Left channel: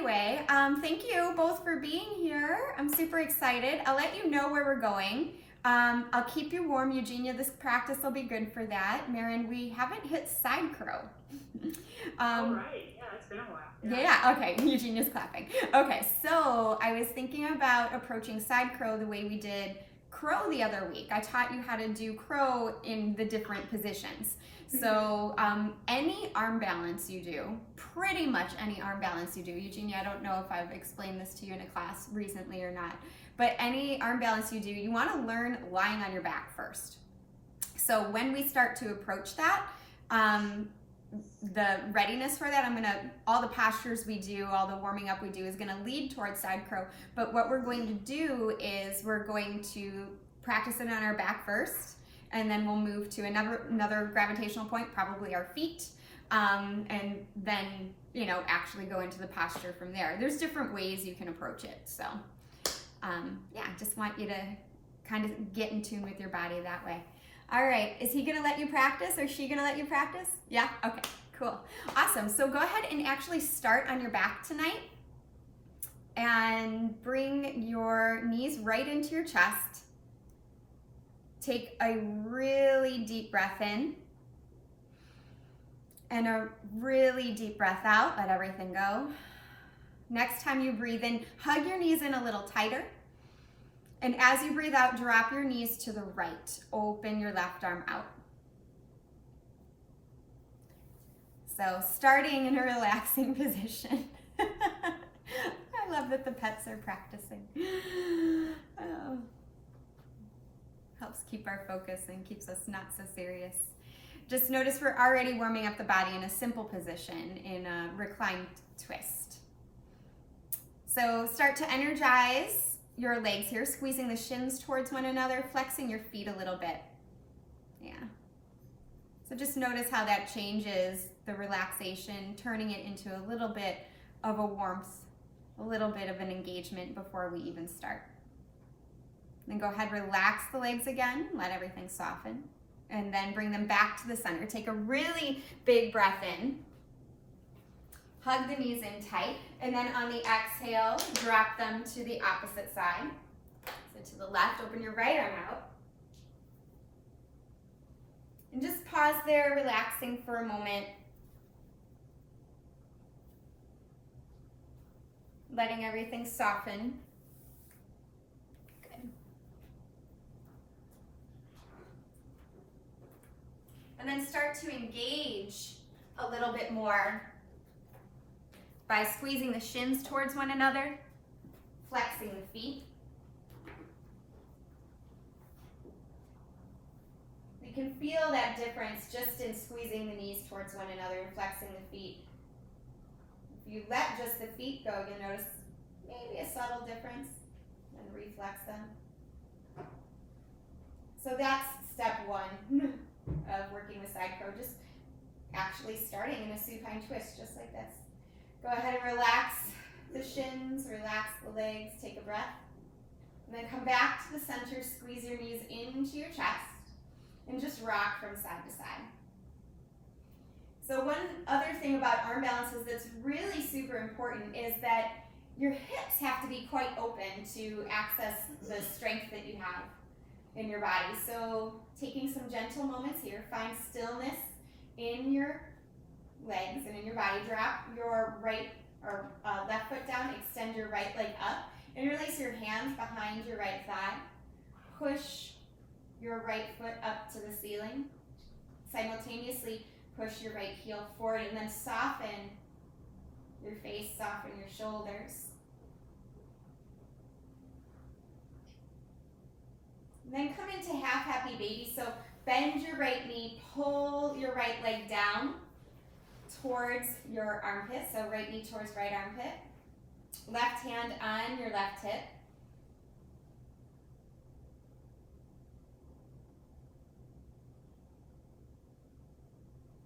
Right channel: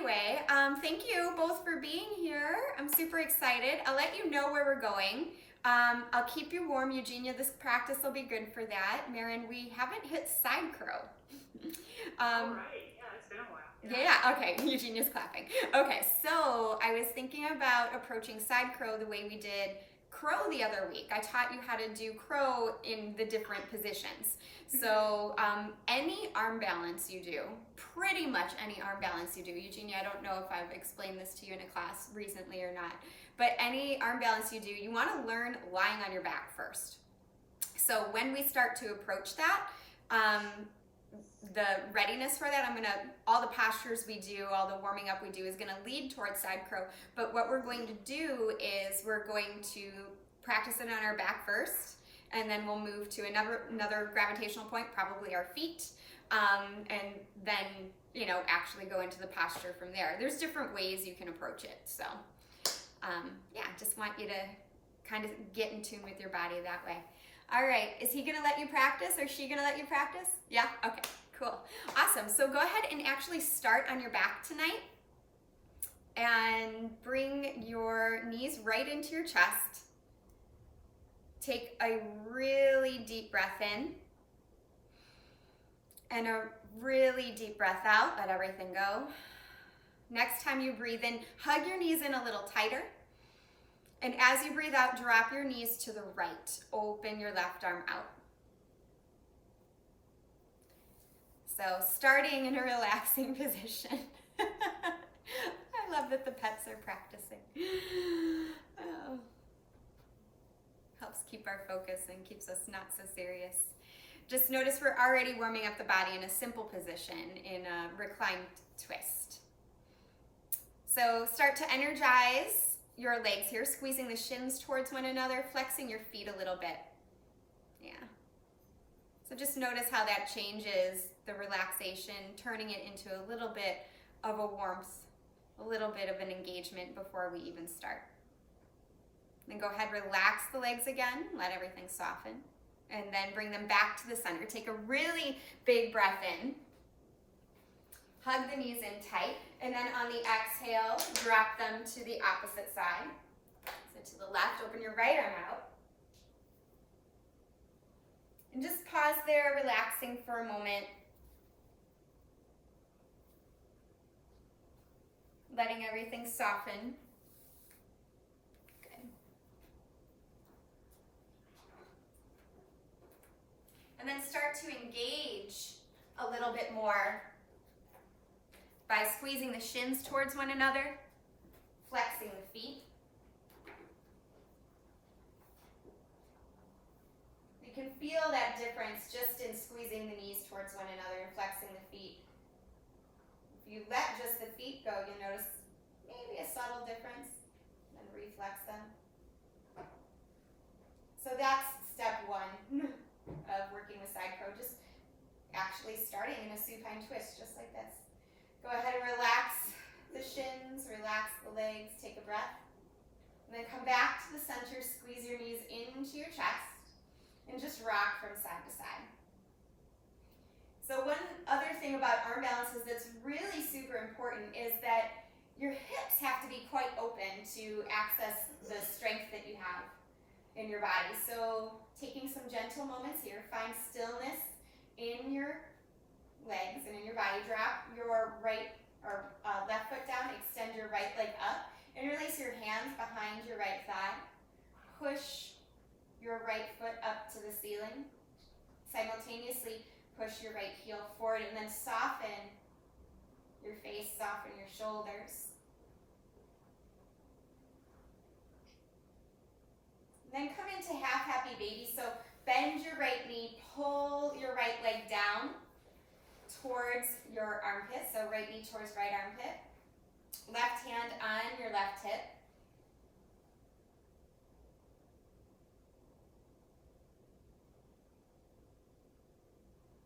anyway, thank you both for being here. I'm super excited. I'll let you know where we're going. I'll keep you warm, Eugenia. This practice will be good for that. Marin, we haven't hit side crow. All right. Yeah, it's been a while. Yeah, okay. Eugenia's clapping. Okay, so I was thinking about approaching side crow the way we did crow the other week. I taught you how to do crow in the different positions. So any arm balance you do, pretty much any arm balance you do, Eugenia, I don't know if I've explained this to you in a class recently or not, but any arm balance you do, you want to learn lying on your back first. So when we start to approach that, the readiness for that, all the postures we do, all the warming up we do is going to lead towards side crow. But what we're going to do is we're going to practice it on our back first, and then we'll move to another gravitational point, probably our feet, and then, actually go into the posture from there. There's different ways you can approach it. So, yeah, just want you to kind of get in tune with your body that way. All right, is he gonna let you practice or is she gonna let you practice? Yeah, okay, cool. Awesome, so go ahead and actually start on your back tonight and bring your knees right into your chest. Take a really deep breath in and a really deep breath out, let everything go. Next time you breathe in, hug your knees in a little tighter. And as you breathe out, drop your knees to the right. Open your left arm out. So starting in a relaxing position. I love that the pets are practicing. Oh. Helps keep our focus and keeps us not so serious. Just notice we're already warming up the body in a simple position, in a reclined twist. So start to energize your legs here, squeezing the shins towards one another, flexing your feet a little bit. Yeah. So just notice how that changes the relaxation, turning it into a little bit of a warmth, a little bit of an engagement before we even start. Then go ahead, relax the legs again, let everything soften, and then bring them back to the center. Take a really big breath in. Hug the knees in tight, and then on the exhale, drop them to the opposite side. So to the left, open your right arm out. And just pause there, relaxing for a moment. Letting everything soften. Good. And then start to engage a little bit more by squeezing the shins towards one another, flexing the feet. You can feel that difference just in squeezing the knees towards one another and flexing the feet. If you let just the feet go, you'll notice maybe a subtle difference, then reflex them. So that's step one of working with side crow, just actually starting in a supine twist, just like this. Go ahead and relax the shins, relax the legs, take a breath. And then come back to the center, squeeze your knees into your chest, and just rock from side to side. So one other thing about arm balances that's really super important is that your hips have to be quite open to access the strength that you have in your body. So taking some gentle moments here, find stillness in your legs and in your body. Drop your right or left foot down, extend your right leg up, interlace your hands behind your right thigh. Push your right foot up to the ceiling. Simultaneously push your right heel forward, and then soften your face, soften your shoulders. And then come into half happy baby. So bend your right knee, pull your right leg down towards your armpit. So right knee towards right armpit. Left hand on your left hip.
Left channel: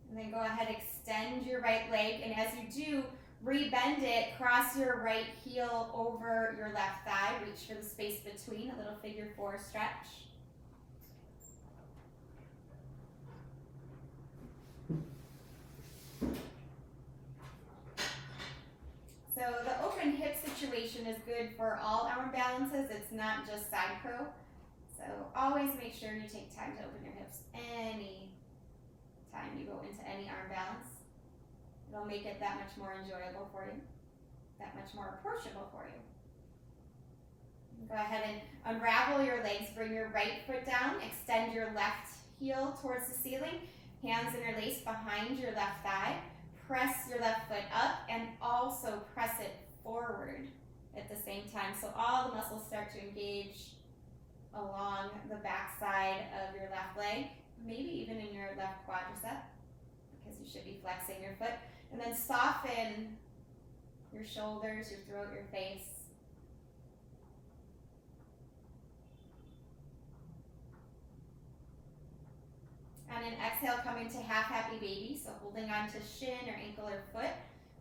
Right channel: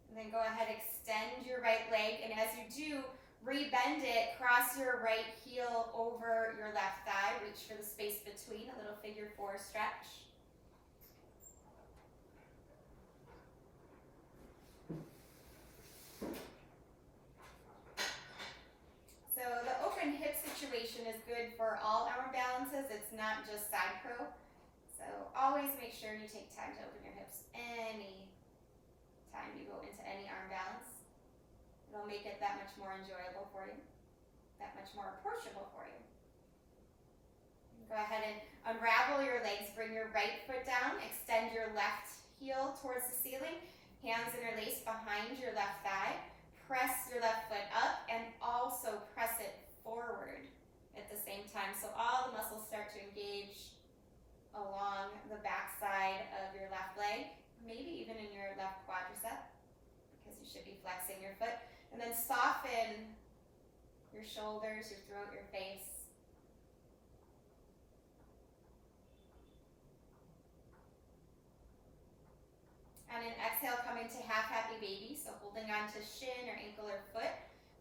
And then go ahead, extend your right leg, and as you do, rebend it, cross your right heel over your left thigh, reach for the space between, a little figure four stretch. So the good for all arm balances. It's not just side curl. So always make sure you take time to open your hips any time you go into any arm balance. It'll make it that much more enjoyable for you, that much more approachable for you. Go ahead and unravel your legs. Bring your right foot down. Extend your left heel towards the ceiling. Hands interlaced behind your left thigh. Press your left foot up and also press it forward at the same time. So all the muscles start to engage along the back side of your left leg, maybe even in your left quadricep, because you should be flexing your foot. And then soften your shoulders, your throat, your face. On an exhale, come into half happy baby, so holding on to shin or ankle or foot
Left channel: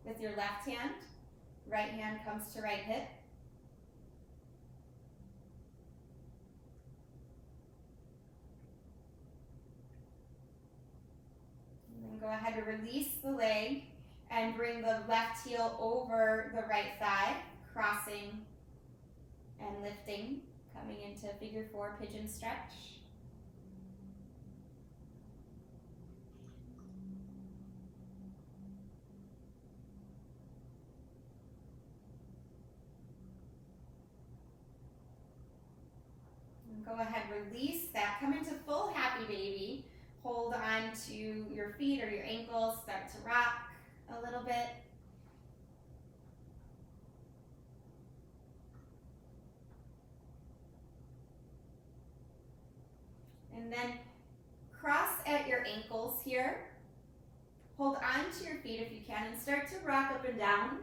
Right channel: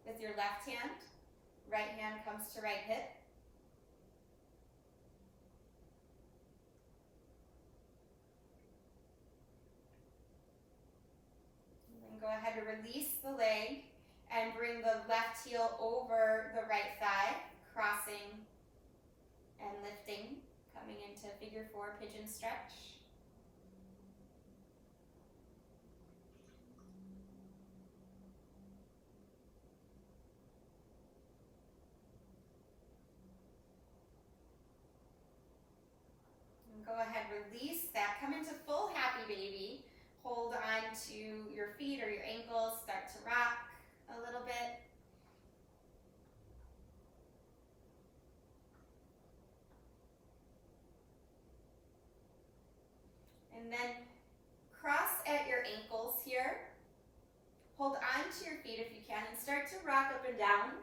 with your left hand. Right hand comes to right hip. And then go ahead and release the leg and bring the left heel over the right thigh, crossing and lifting, coming into figure 4 pigeon stretch. Go ahead, release that. Come into full happy baby. Hold on to your feet or your ankles. Start to rock a little bit. And then cross at your ankles here. Hold on to your feet if you can and start to rock up and down.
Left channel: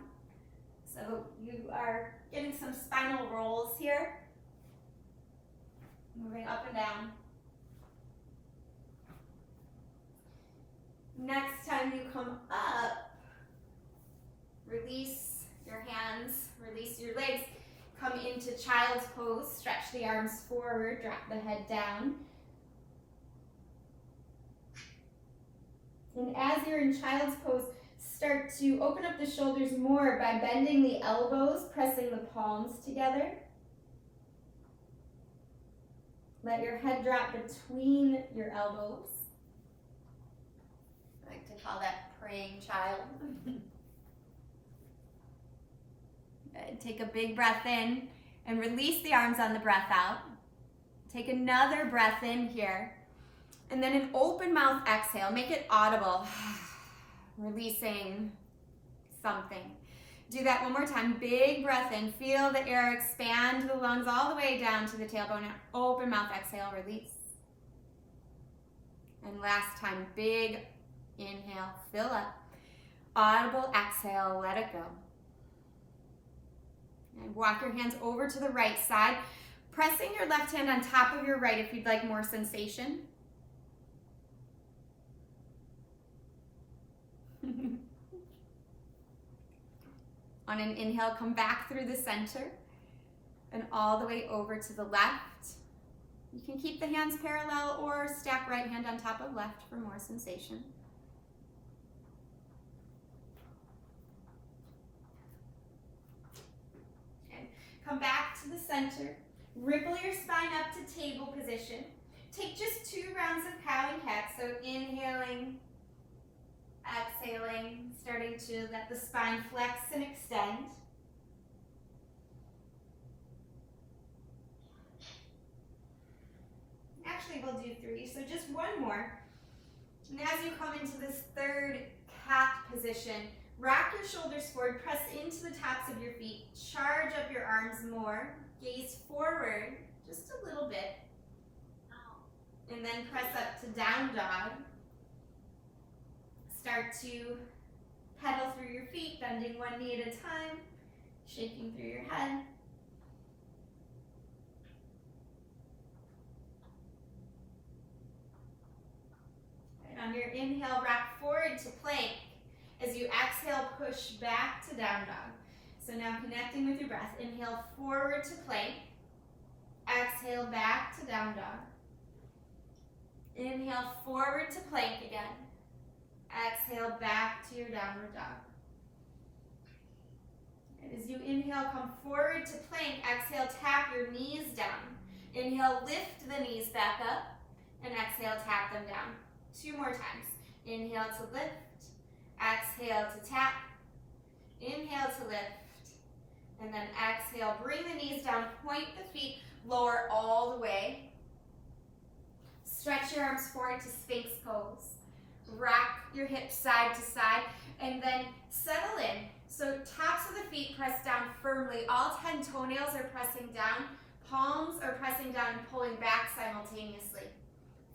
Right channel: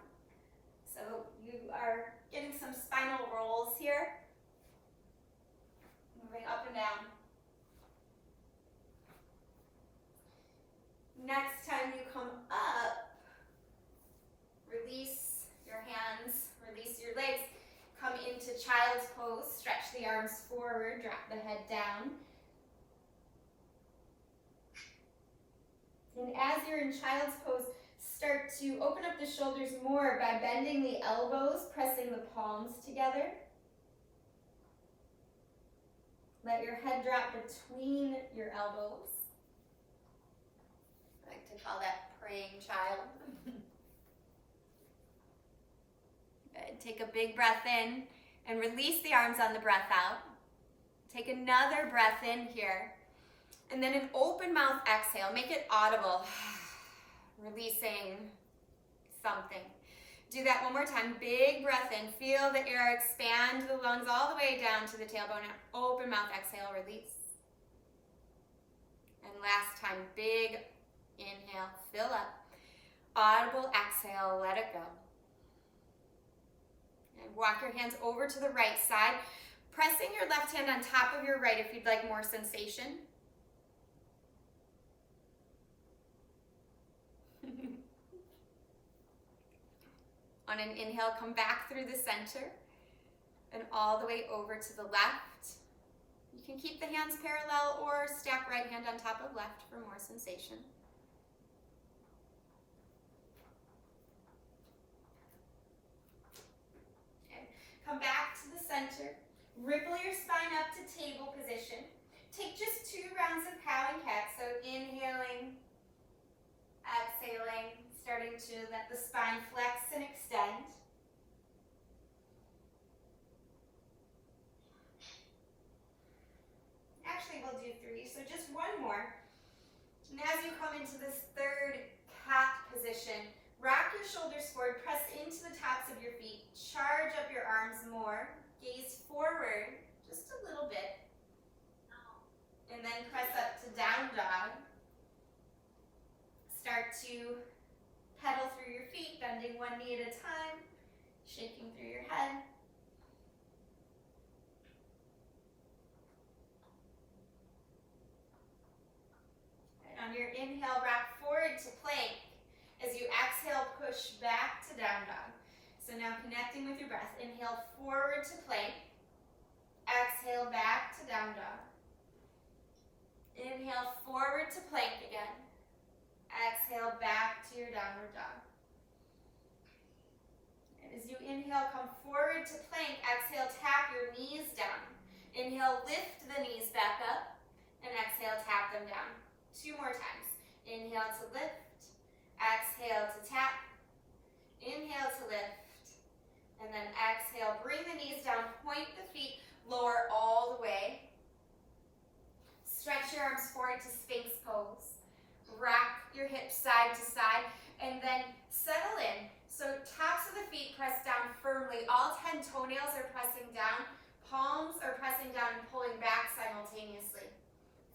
So you are getting some spinal rolls here. Moving up and down. Next time you come up, release your hands, release your legs, come into child's pose, stretch the arms forward, drop the head down. And as you're in child's pose, start to open up the shoulders more by bending the elbows, pressing the palms together. Let your head drop between your elbows. I like to call that praying child. Take a big breath in and release the arms on the breath out. Take another breath in here. And then an open mouth exhale. Make it audible. Releasing something. Do that one more time. Big breath in. Feel the air expand the lungs all the way down to the tailbone. And open mouth exhale. Release. And last time. Big inhale. Fill up. Audible exhale. Let it go. And walk your hands over to the right side. Pressing your left hand on top of your right if you'd like more sensation. On an inhale, come back through the center and all the way over to the left. You can keep the hands parallel or stack right hand on top of left for more sensation. Okay. Come back to the center. Ripple your spine up to table position. Take just 2 rounds of cow and cat. So inhaling, exhaling, starting to let the spine flex and extend. Actually, we'll do 3, so just 1 more. And as you come into this third cat position, rock your shoulders forward, press into the tops of your feet, charge up your arms more, gaze forward just a little bit, and then press up to down dog. Start to pedal through your feet, bending one knee at a time, shaking through your head. And on your inhale, rock forward to plank. As you exhale, push back to down dog. So now connecting with your breath. Inhale forward to plank. Exhale back to down dog. Inhale forward to plank again. Exhale back to your downward dog. And as you inhale, come forward to plank. Exhale, tap your knees down. Inhale, lift the knees back up. And exhale, tap them down. 2 more times. Inhale to lift. Exhale to tap. Inhale to lift. And then exhale, bring the knees down, point the feet, lower all the way. Stretch your arms forward to Sphinx pose. Rack your hips side to side, and then settle in. So tops of the feet press down firmly. All 10 toenails are pressing down. Palms are pressing down and pulling back simultaneously.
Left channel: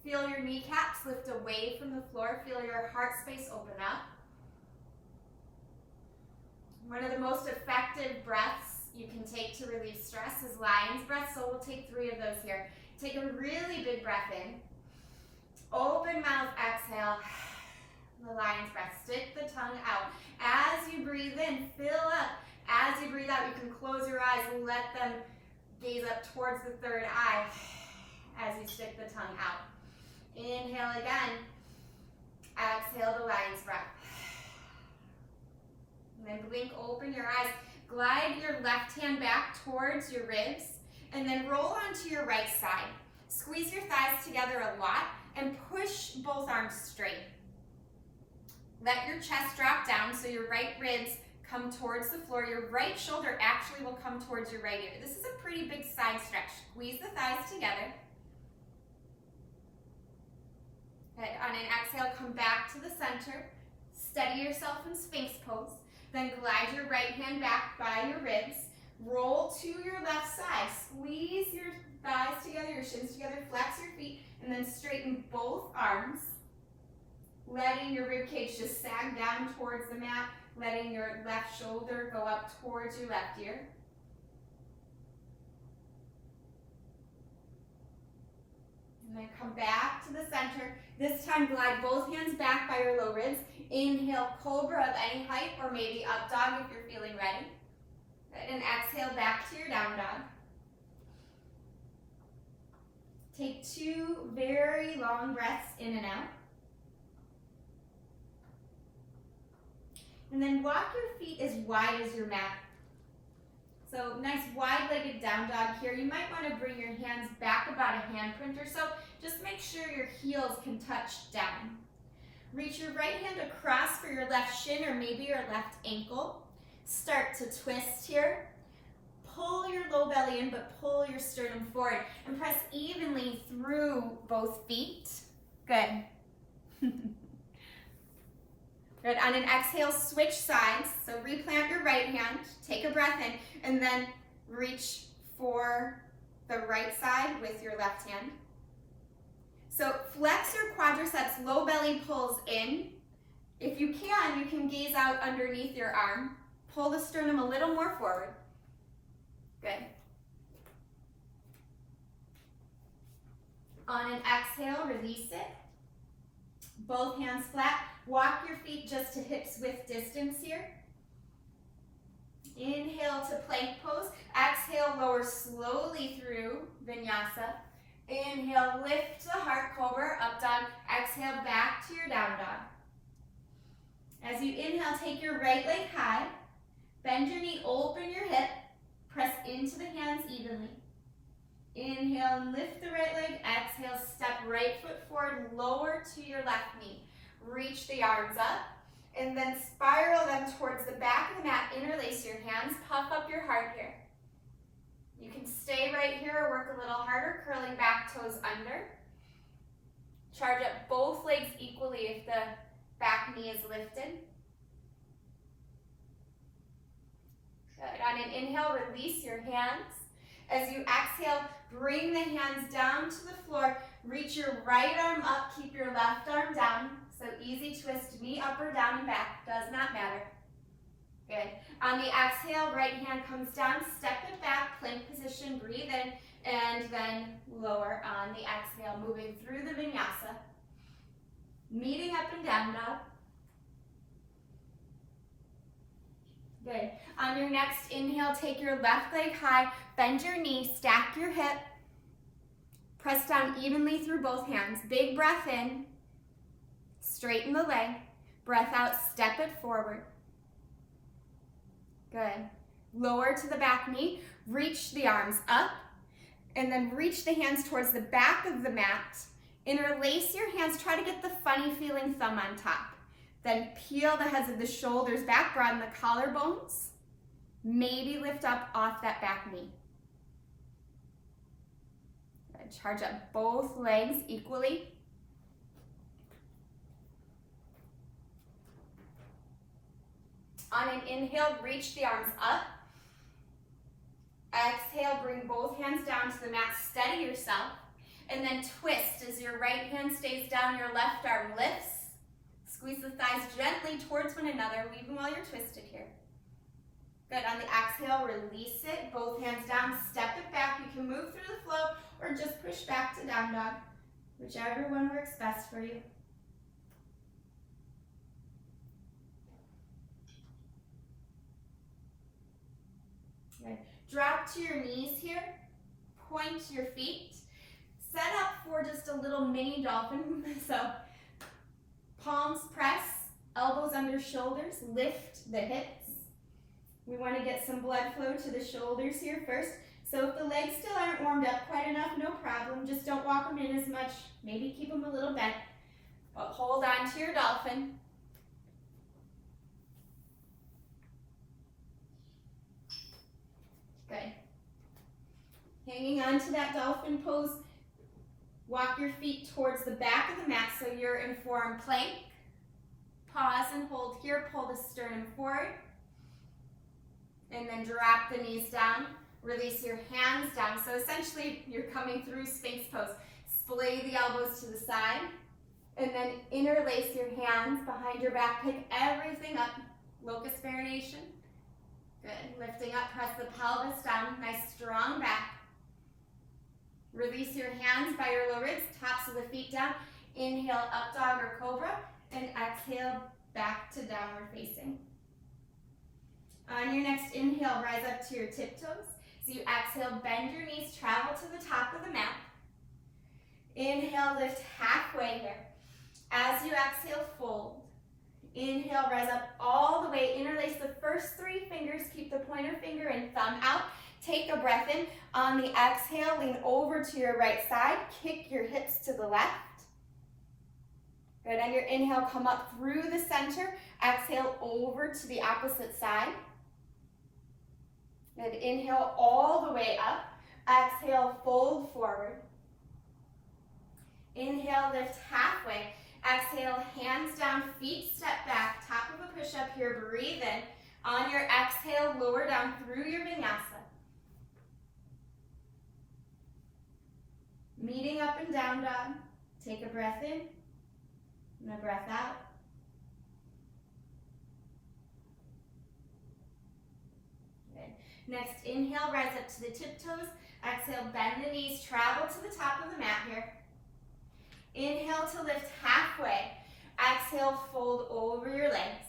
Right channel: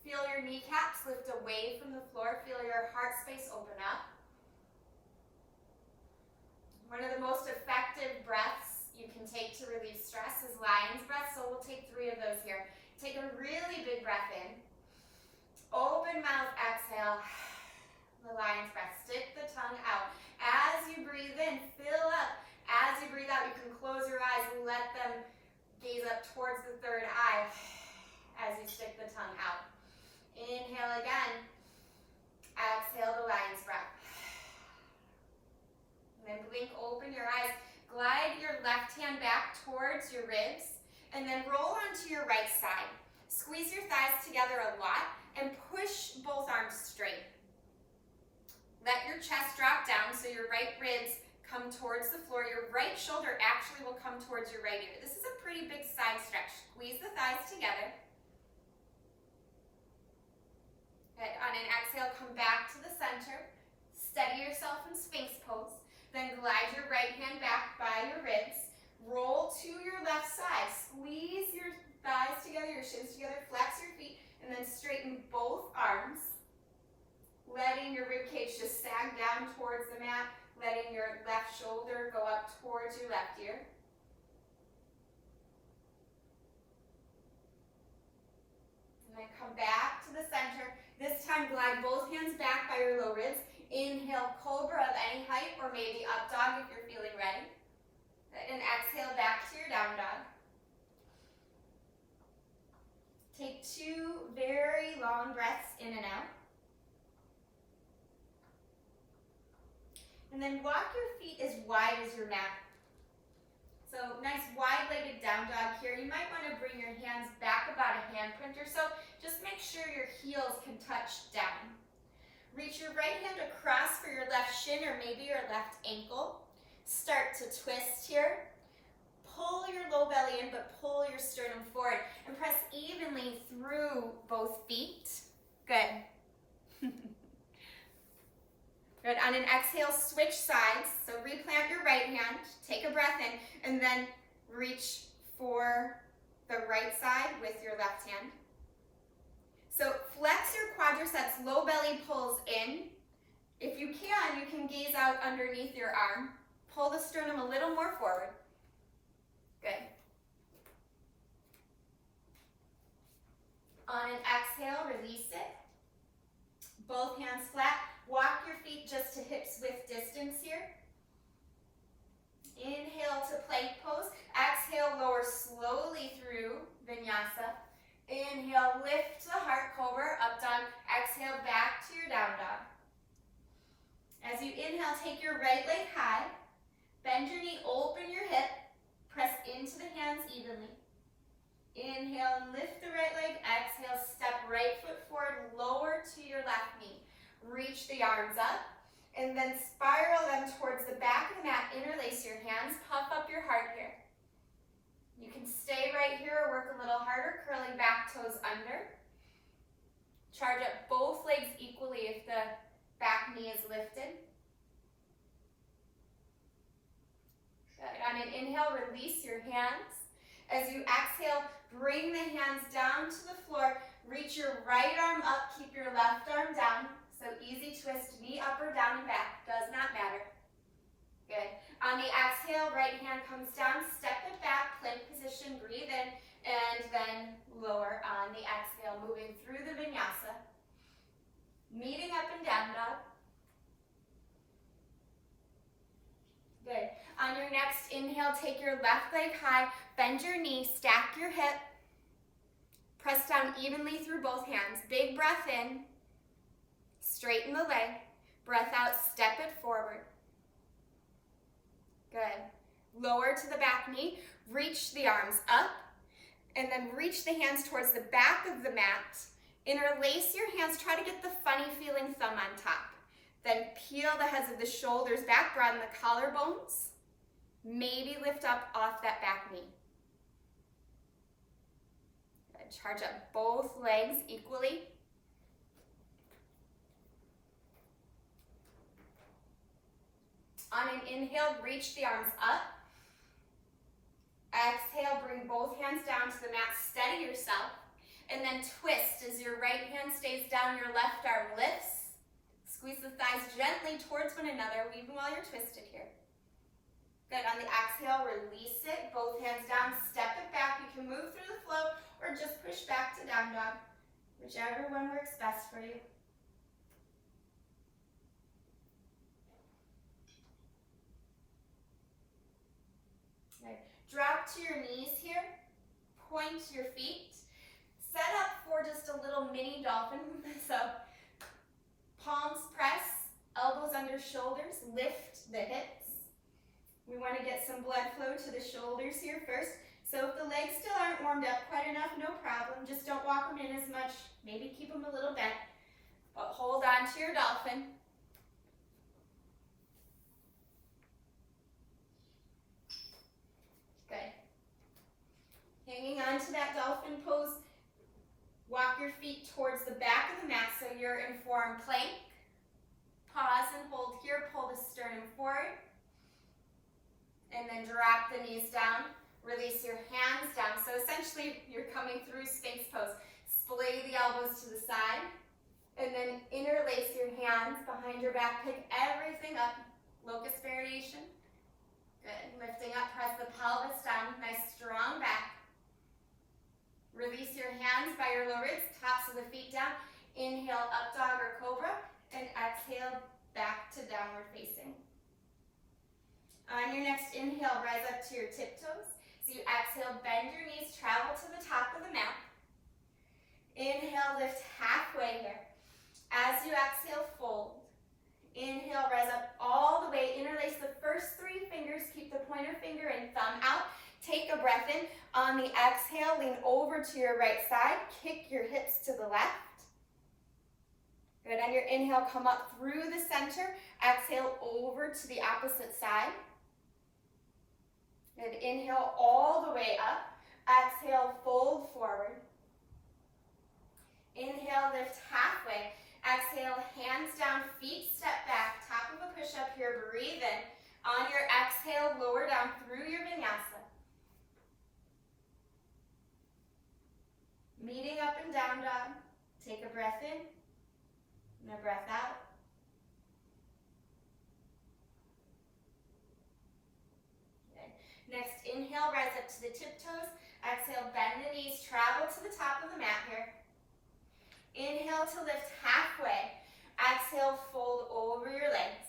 Feel your kneecaps lift away from the floor. Feel your heart space open up. One of the most effective breaths you can take to relieve stress is lion's breath, so we'll take 3 of those here. Take a really big breath in. Open mouth, exhale. The lion's breath. Stick the tongue out. As you breathe in, fill up. As you breathe out, you can close your eyes and let them gaze up towards the 3rd eye as you stick the tongue out. Inhale again. Exhale the lion's breath. And then blink open your eyes. Glide your left hand back towards your ribs and then roll onto your right side. Squeeze your thighs together a lot and push both arms straight. Let your chest drop down so your right ribs come towards the floor. Your right shoulder actually will come towards your right ear. This is a pretty big side stretch. Squeeze the thighs together. Good. On an exhale, come back to the center. Steady yourself in Sphinx pose. Then glide your right hand back by your ribs. Roll to your left side. Squeeze your thighs together, your shins together. Flex your feet, and then straighten both arms. Letting your rib cage just sag down towards the mat. Letting your left shoulder go up towards your left ear. And then come back to the center. This time, glide both hands back by your low ribs. Inhale, cobra of any height, or maybe up dog if you're feeling ready. Good. And exhale back to your down dog. Take 2 very long breaths in and out. And then walk your feet as wide as your mat. So nice wide-legged down dog here. You might want to bring your hands back about a handprint or so. Just make sure your heels can touch down. Reach your right hand across for your left shin or maybe your left ankle. Start to twist here. Pull your low belly in, but pull your sternum forward. And press evenly through both feet. Good. Good. On an exhale, switch sides. So replant your right hand. Take a breath in. And then reach for the right side with your left hand. So flex your quadriceps, low belly pulls in. If you can gaze out underneath your arm. Pull the sternum a little more forward. Good. On an exhale, release it. Both hands flat. Walk your feet just to hips width distance here. Inhale to plank pose. Exhale, lower slowly through vinyasa. Inhale, lift to heart cobra, up dog. Exhale, back to your down dog. As you inhale, take your right leg high. Bend your knee, open your hip. Press into the hands evenly. Inhale, lift the right leg. Exhale, step right foot forward, lower to your left knee. Reach the arms up. And then spiral them towards the back of the mat. Interlace your hands. Puff up your heart here. You can stay right here or work a little harder, curling back toes under. Charge up both legs equally if the back knee is lifted. Good. On an inhale, release your hands. As you exhale, bring the hands down to the floor. Reach your right arm up, keep your left arm down. So easy twist, knee up or down and back, does not matter. Good. On the exhale, right hand comes down, step it back, plank position, breathe in, and then lower on the exhale, moving through the vinyasa. Meeting up and down dog. Good. On your next inhale, take your left leg high, bend your knee, stack your hip. Press down evenly through both hands. Big breath in. Straighten the leg. Breath out, step it forward. Good. Lower to the back knee, reach the arms up, and then reach the hands towards the back of the mat. Interlace your hands, try to get the funny feeling thumb on top. Then peel the heads of the shoulders back, broaden the collarbones. Maybe lift up off that back knee. Good. Charge up both legs equally. On an inhale, reach the arms up. Exhale, bring both hands down to the mat, steady yourself. And then twist as your right hand stays down, your left arm lifts. Squeeze the thighs gently towards one another, even while you're twisted here. Good, on the exhale, release it, both hands down, step it back. You can move through the flow or just push back to down dog, whichever one works best for you. Good. Drop to your knees here, point your feet. Set up for just a little mini dolphin. So palms press, elbows under shoulders, lift the hips. We want to get some blood flow to the shoulders here first. So if the legs still aren't warmed up quite enough, no problem. Just don't walk them in as much. Maybe keep them a little bent. But hold on to your dolphin. Good. Hanging on to that dolphin pose. Walk your feet towards the back of the mat so you're in forearm plank. Pause and hold here, pull the sternum forward. And then drop the knees down, release your hands down. So essentially you're coming through Sphinx pose. Splay the elbows to the side and then interlace your hands behind your back. Pick everything up, locust variation. Good, lifting up, press the pelvis down, nice strong back. Release your hands by your low ribs, tops of the feet down. Inhale, up dog or cobra, and exhale, back to downward facing. On your next inhale, rise up to your tiptoes. So you exhale, bend your knees, travel to the top of the mat. Inhale, lift halfway here. As you exhale, fold. Inhale, rise up all the way. Interlace the first three fingers. Keep the pointer finger and thumb out. Take a breath in. On the exhale, lean over to your right side. Kick your hips to the left. Good. On your inhale, come up through the center. Exhale over to the opposite side. Good. Inhale all the way up. Exhale, fold forward. Inhale, lift halfway. Exhale, hands down, feet step back. Top of a push-up here. Breathe in. On your exhale, lower down through your vinyasa. Meeting up and down dog. Take a breath in and a breath out. Good. Next, inhale, rise up to the tiptoes. Exhale, bend the knees, travel to the top of the mat here. Inhale to lift halfway. Exhale, fold over your legs.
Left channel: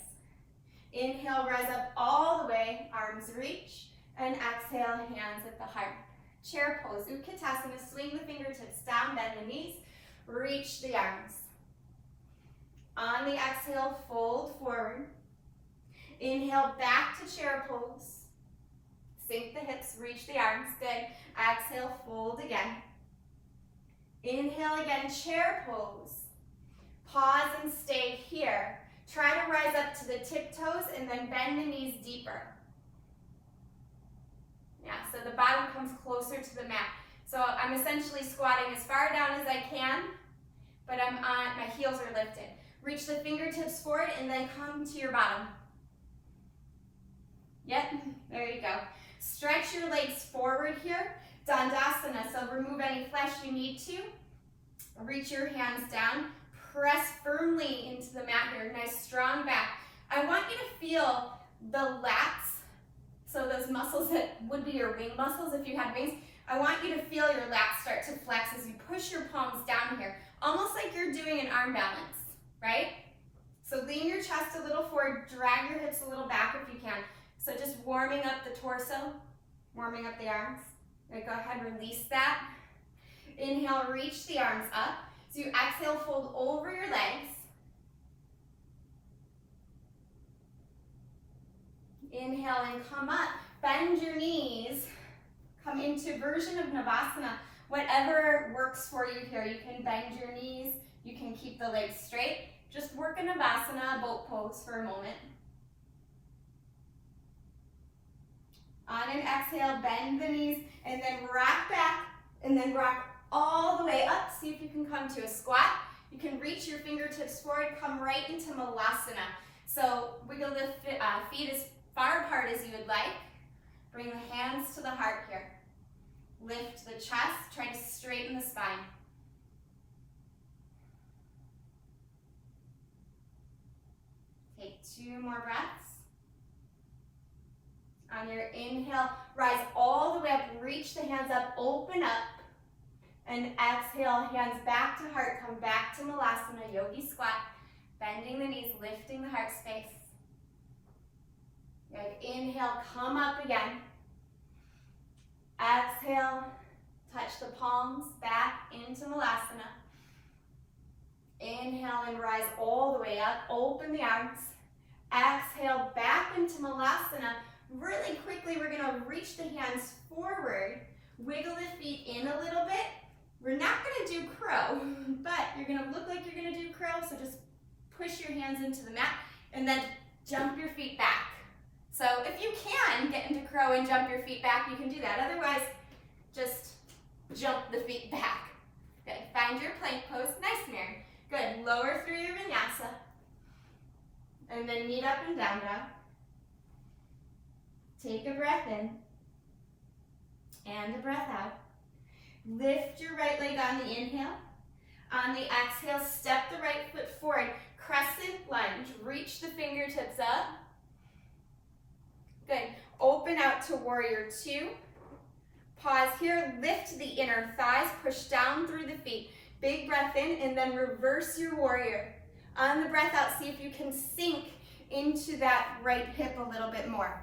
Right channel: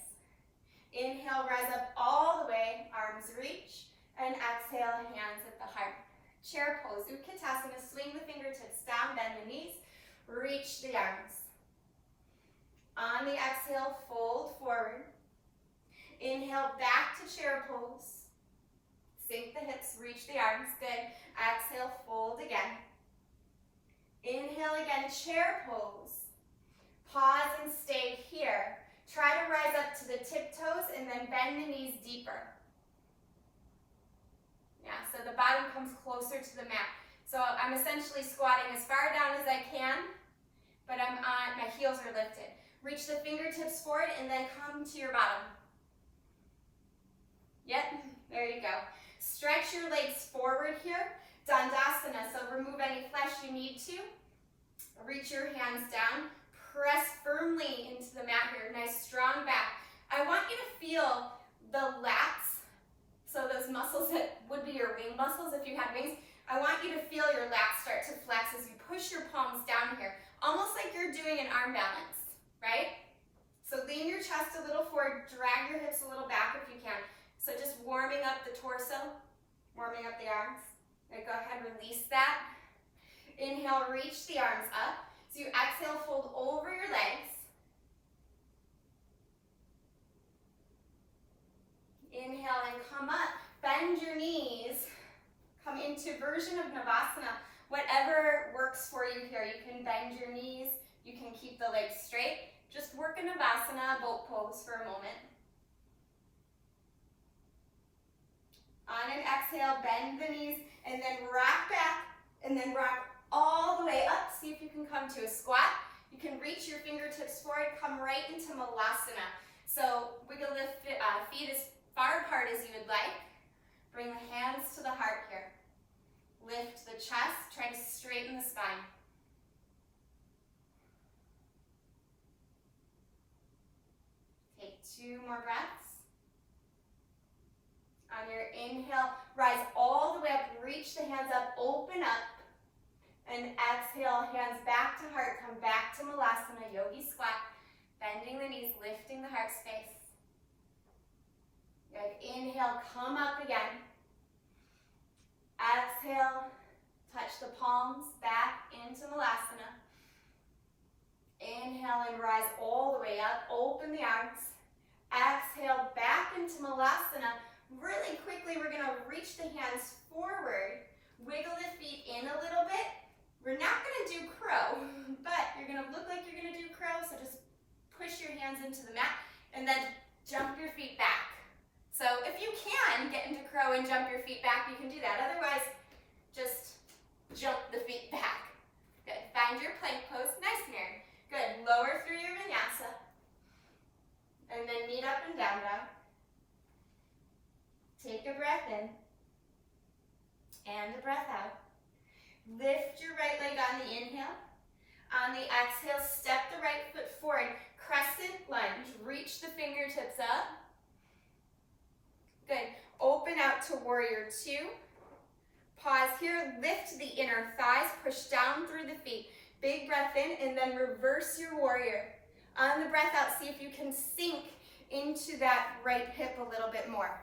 Inhale, rise up all the way, arms reach, and exhale, hands at the heart. Chair pose, Utkatasana, swing the fingertips down, bend the knees, reach the arms. On the exhale, fold forward. Inhale, back to chair pose. Sink the hips, reach the arms, good. Exhale, fold again. Inhale again, chair pose. Pause and stay here. Try to rise up to the tiptoes and then bend the knees deeper. Yeah, so the bottom comes closer to the mat. So I'm essentially squatting as far down as I can, but my heels are lifted. Reach the fingertips forward and then come to your bottom. Yep, there you go. Stretch your legs forward here. Dandasana, so remove any flesh you need to. Reach your hands down. Press firmly into the mat here. Nice strong back. I want you to feel the lats. So those muscles that would be your wing muscles if you had wings, I want you to feel your lats start to flex as you push your palms down here, almost like you're doing an arm balance, right? So lean your chest a little forward, drag your hips a little back if you can. So just warming up the torso, warming up the arms. Right, go ahead, release that. Inhale, reach the arms up. So you exhale, fold over your legs. Inhale and come up. bend your knees, come into version of Navasana. Whatever works for you here. You can bend your knees, you can keep the legs straight. Just work a Navasana, boat pose for a moment. On an exhale, bend the knees, and then rock back, and then rock all the way up. See if you can come to a squat. You can reach your fingertips forward, come right into Malasana. So wiggle the feet as far apart as you would like. Bring the hands to the heart here. Lift the chest, try to straighten the spine. Take 2 more breaths. On your inhale, rise all the way up, reach the hands up, open up. And exhale, hands back to heart, come back to Malasana, yogi squat. Bending the knees, lifting the heart space. Good, inhale, come up again. Exhale, touch the palms back into Malasana. Inhale and rise all the way up, open the arms. Exhale, back into Malasana. Really quickly, we're gonna reach the hands forward, wiggle the feet in a little bit. We're not gonna do crow, but you're gonna look like you're gonna do crow, so just push your hands into the mat and then jump your feet back. So if you can get into crow and jump your feet back, you can do that. Otherwise, just jump the feet back. Good, find your plank pose, nice Mary. Good, lower through your vinyasa. And then knee up and down dog. Take a breath in. And a breath out. Lift your right leg on the inhale. On the exhale, step the right foot forward. Crescent lunge, reach the fingertips up. Good, open out to warrior 2. Pause here, lift the inner thighs, push down through the feet. Big breath in and then reverse your warrior. On the breath out, see if you can sink into that right hip a little bit more.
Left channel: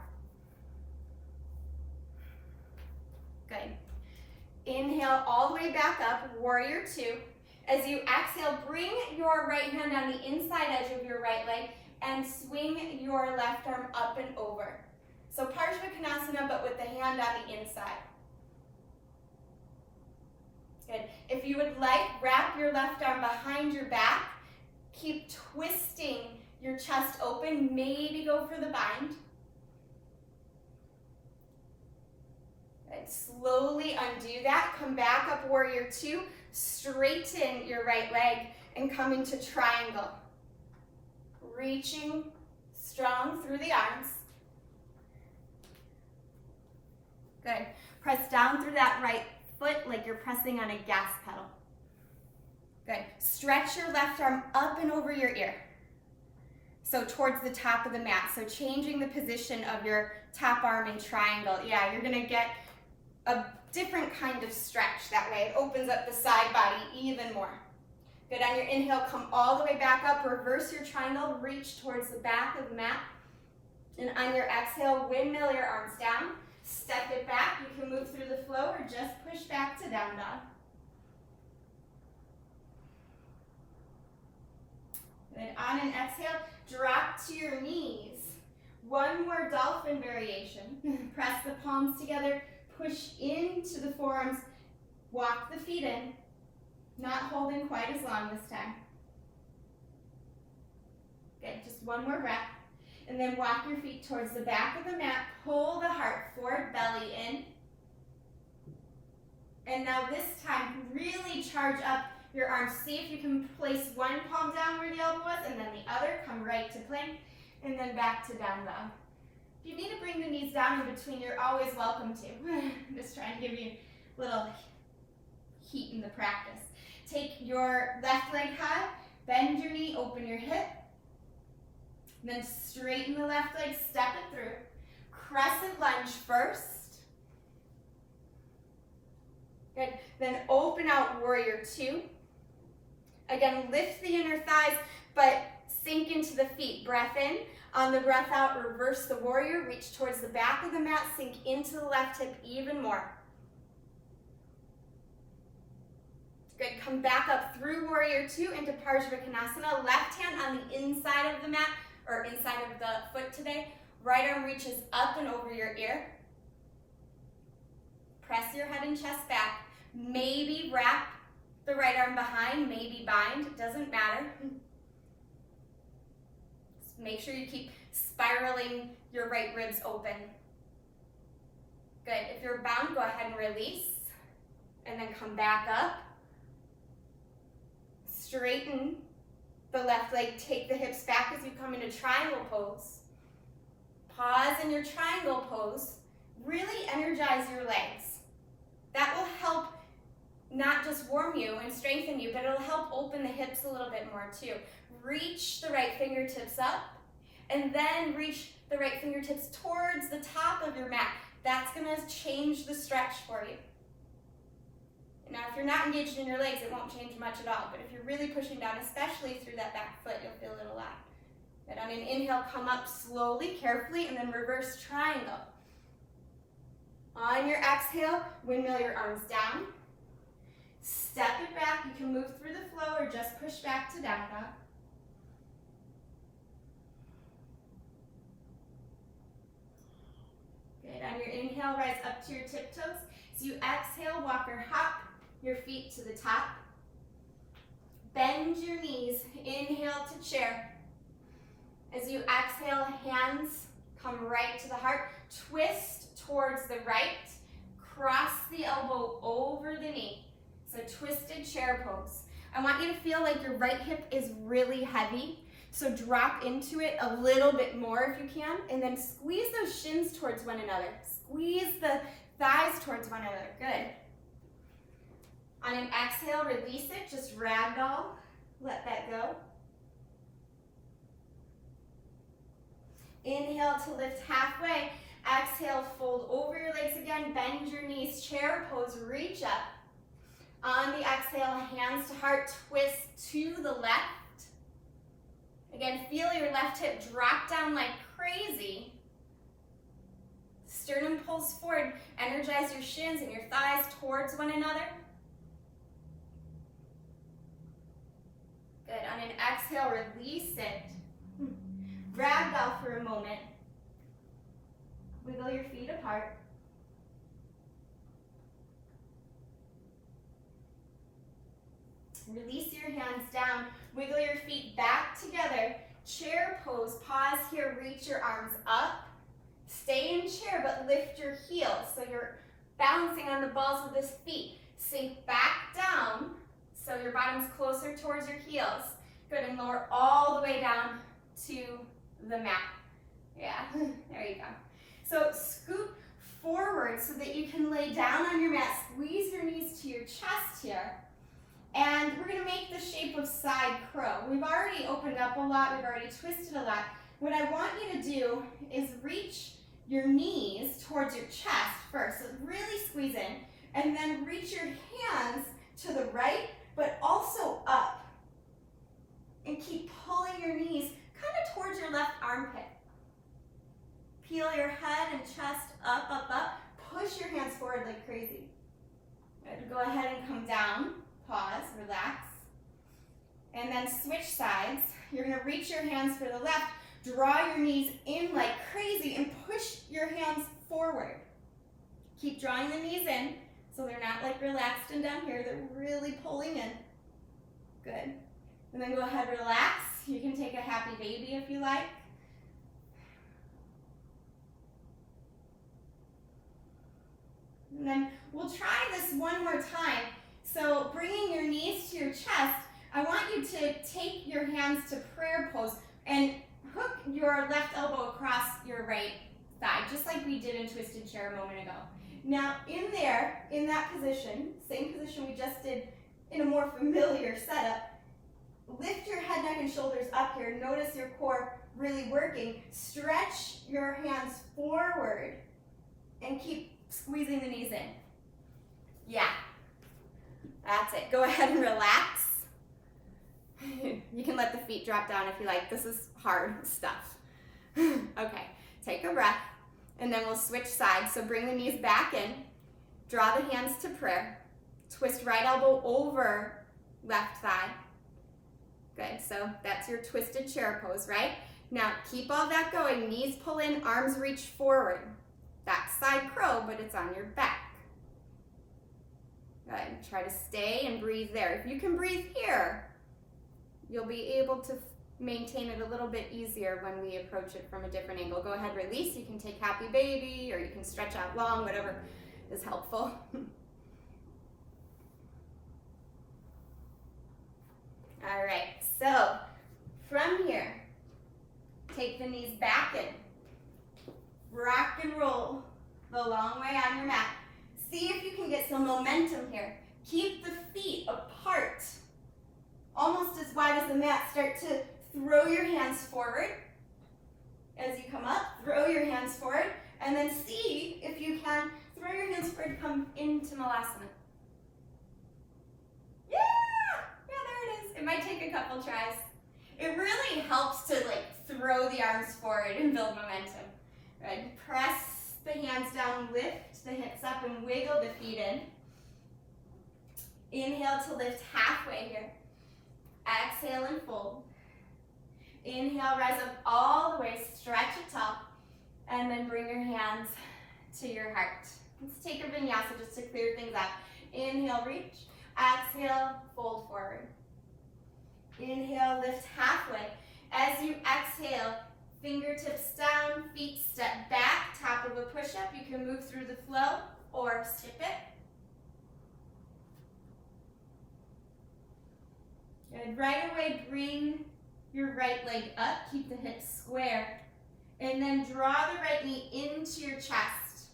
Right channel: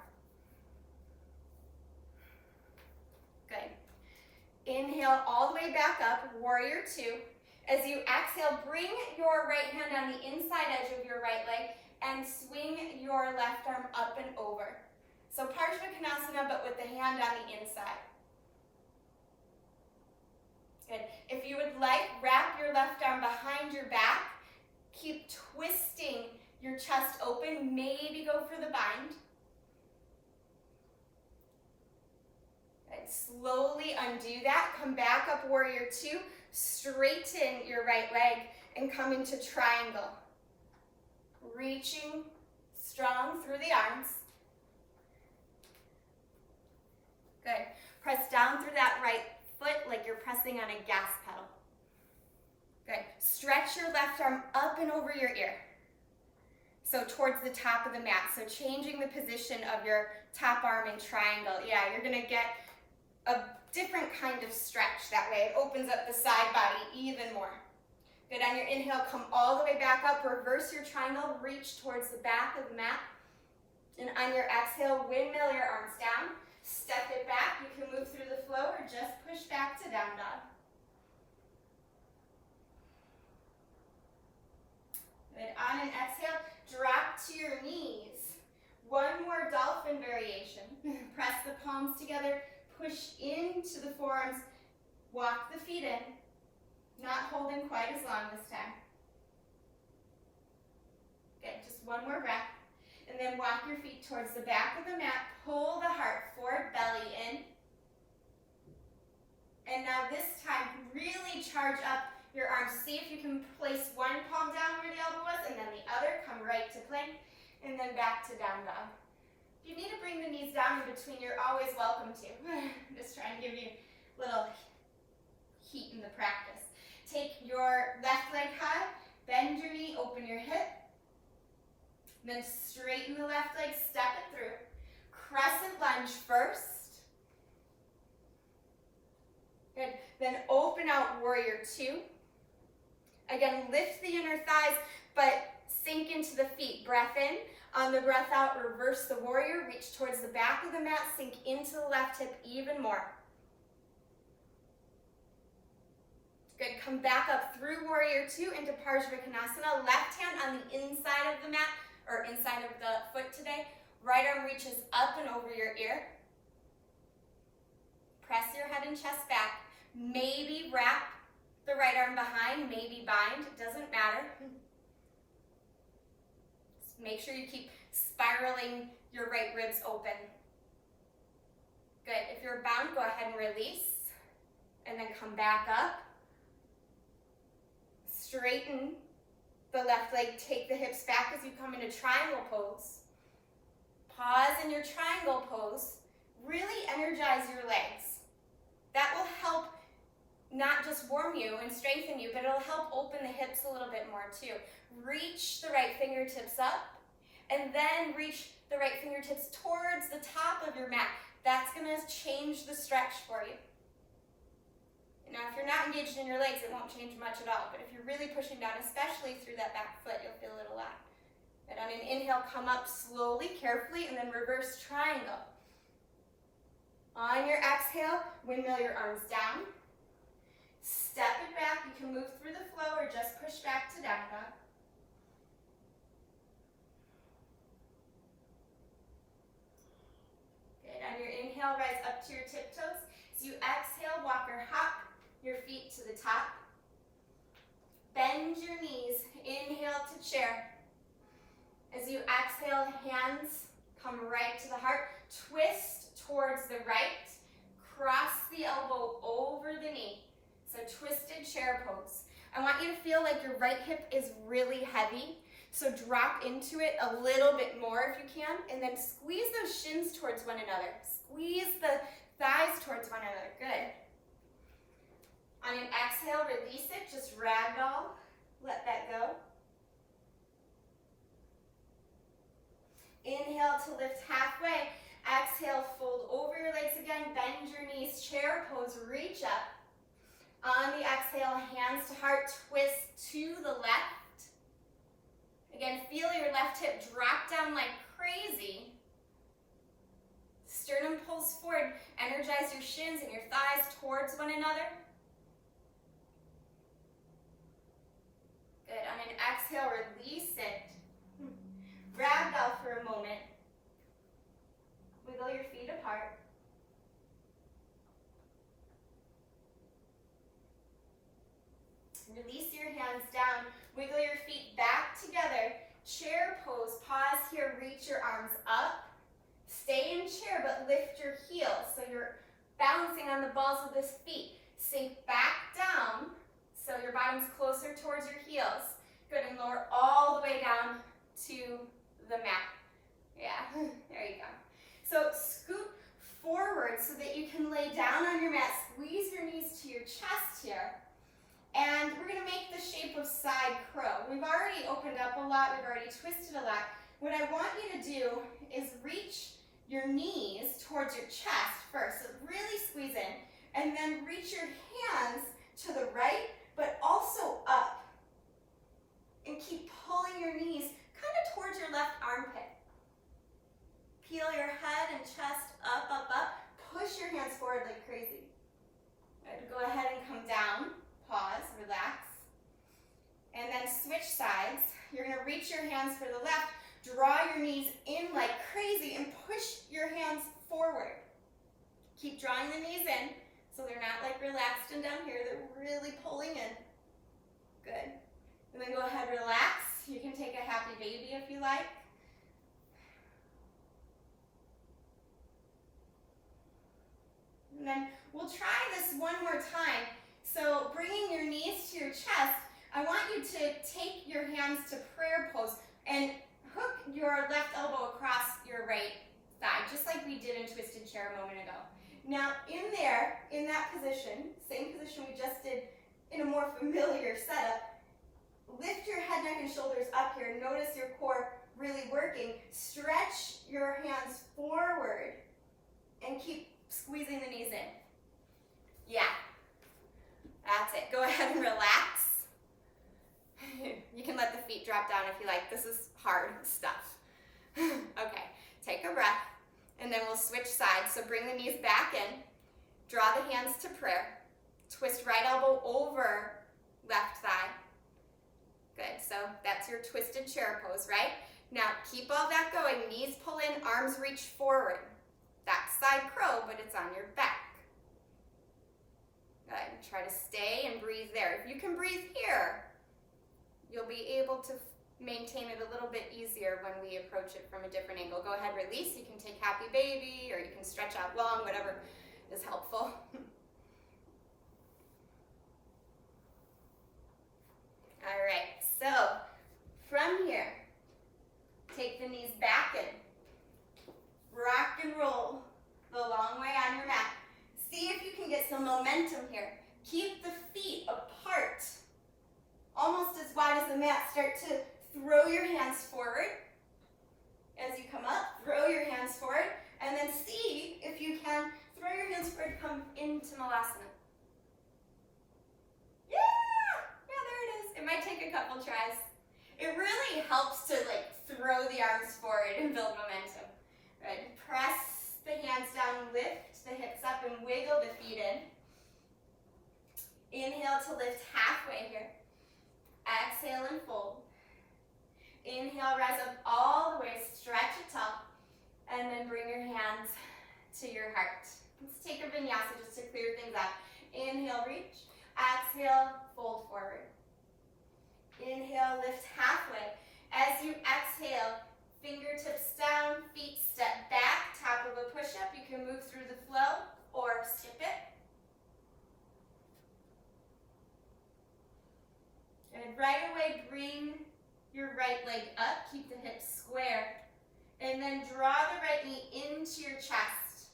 Good. Inhale all the way back up, warrior 2. As you exhale, bring your right hand on the inside edge of your right leg and swing your left arm up and over. So Parsva Bakasana, but with the hand on the inside. Good. If you would like, wrap your left arm behind your back. Keep twisting your chest open. Maybe go for the bind. Good. Slowly undo that. Come back up, warrior 2. Straighten your right leg and come into triangle. Reaching strong through the arms. Good. Press down through that right foot like you're pressing on a gas pedal. Good. Stretch your left arm up and over your ear. So towards the top of the mat. So changing the position of your top arm in triangle. Yeah, you're gonna get a different kind of stretch that way. It opens up the side body even more. Good, on your inhale, come all the way back up, reverse your triangle, reach towards the back of the mat. And on your exhale, windmill your arms down, step it back. You can move through the flow or just push back to down dog. Good, on an exhale, drop to your knees. One more dolphin variation. Press the palms together. Push into the forearms, walk the feet in, not holding quite as long this time. Good, just one more breath. And then walk your feet towards the back of the mat, pull the heart forward, belly in. And now this time, really charge up your arms. See if you can place one palm down where the elbow was, and then the other, come right to plank, and then back to down dog. If you need to bring the knees down in between, you're always welcome to. Just trying to give you a little heat in the practice. Take your left leg high, bend your knee, open your hip. And then straighten the left leg, step it through. Crescent lunge first. Good. Then open out warrior 2. Again, lift the inner thighs, but sink into the feet. Breath in. On the breath out, reverse the warrior, reach towards the back of the mat, sink into the left hip even more. Good, come back up through warrior 2 into Parsva Bakasana. Left hand on the inside of the mat, or inside of the foot today. Right arm reaches up and over your ear. press your head and chest back. Maybe wrap the right arm behind, maybe bind, doesn't matter. Just make sure you keep spiraling your right ribs open. Good. If you're bound, go ahead and release. And then come back up. Straighten the left leg. Take the hips back as you come into triangle pose. Pause in your triangle pose. Really energize your legs. That will help not just warm you and strengthen you, but it'll help open the hips a little bit more too. Reach the right fingertips up, and then reach the right fingertips towards the top of your mat. That's going to change the stretch for you. Now, if you're not engaged in your legs, it won't change much at all. But if you're really pushing down, especially through that back foot, you'll feel it a lot. Good. On an inhale, come up slowly, carefully, and then reverse triangle. On your exhale, windmill your arms down. Step it back. You can move through the flow or just push back to down dog. Good. On your inhale, rise up to your tiptoes. As you exhale, walk or hop your feet to the top. Bend your knees. Inhale to chair. As you exhale, hands come right to the heart. Twist towards the right. Cross the elbow over the knee. So twisted chair pose. I want you to feel like your right hip is really heavy. So drop into it a little bit more if you can. And then squeeze those shins towards one another. Squeeze the thighs towards one another. Good. On an exhale, release it. Just ragdoll. Let that go. Inhale to lift halfway. Exhale, fold over your legs again. Bend your knees. Chair pose. Reach up. On the exhale, hands to heart. Twist to the left. Again, feel your left hip drop down like crazy. Sternum pulls forward. Energize your shins and your thighs towards one another. Good. On an exhale, release it. Ragdoll for a moment. Wiggle your feet apart. Release your hands down. Wiggle your feet back together. Chair pose. Pause here. Reach your arms up. Stay in chair, but lift your heels. So you're balancing on the balls of the feet. Sink back down so your bottom's closer towards your heels. Good, and lower all the way down to the mat. Yeah, there you go. So scoot forward so that you can lay down on your mat. Squeeze your knees to your chest here. And we're going to make the shape of side crow. We've already opened up a lot. We've already twisted a lot. What I want you to do is reach your knees towards your chest first. So really squeeze in. And then reach your hands to the right, but also up. And keep pulling your knees kind of towards your left armpit. Peel your head and chest up, up, up. Push your hands forward like crazy. Good. Go ahead and come down. Pause, relax. And then switch sides. You're going to reach your hands for the left. Draw your knees in like crazy and push your hands forward. Keep drawing the knees in so they're not like relaxed and down here. They're really pulling in. Good. And then go ahead, relax. You can take a happy baby if you like. And then we'll try this one more time. So bringing your knees to your chest, I want you to take your hands to prayer pose and hook your left elbow across your right thigh, just like we did in twisted chair a moment ago. Now in there, in that position, same position we just did in a more familiar setup, lift your head, neck, and shoulders up here. Notice your core really working. Stretch your hands forward and keep squeezing the knees in. Yeah, that's it. Go ahead and relax. You can let the feet drop down if you like. This is hard stuff. Okay, take a breath, and then we'll switch sides. So bring the knees back in. Draw the hands to prayer. Twist right elbow over left thigh. Good, so that's your twisted chair pose, right? Now keep all that going. Knees pull in, arms reach forward. That's side crow, but it's on your back. Good. Try to stay and breathe there. If you can breathe here, you'll be able to maintain it a little bit easier when we approach it from a different angle. Go ahead, release. You can take happy baby, or you can stretch out long, whatever is helpful. All right, so from here, take the knees back in. Rock and roll the long way on your mat. See if you can get some momentum here. Keep the feet apart, almost as wide as the mat. Start to throw your hands forward. As you come up, throw your hands forward, and then see if you can throw your hands forward, come into Malasana. There it is. It might take a couple tries. It really helps to throw the arms forward and build momentum. Good. Press the hands down, lift the hips up, and wiggle the feet in. Inhale to lift halfway here. Exhale and fold. Inhale, rise up all the way, stretch it tall, and then bring your hands to your heart. Let's take a vinyasa just to clear things up. Inhale, reach. Exhale, fold forward. Inhale, lift halfway. As you exhale, fingertips down, feet step back, top of a push-up. You can move through the flow or skip it. Good. Right away, bring your right leg up, keep the hips square, and then draw the right knee into your chest.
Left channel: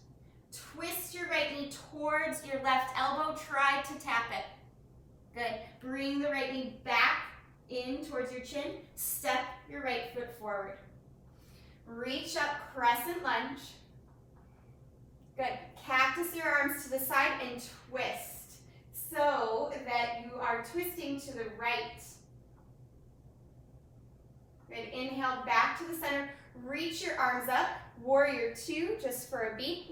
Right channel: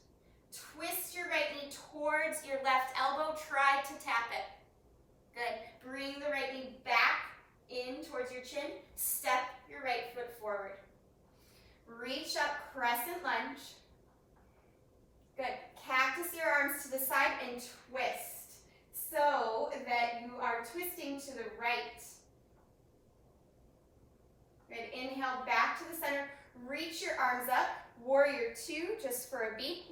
Twist your right knee towards your left elbow, try to tap it. Good. Bring the right knee back in towards your chin, step your right foot forward. Reach up, crescent lunge. Good. Cactus your arms to the side and twist so that you are twisting to the right. Good. Inhale back to the center. Reach your arms up. Warrior 2 just for a beat.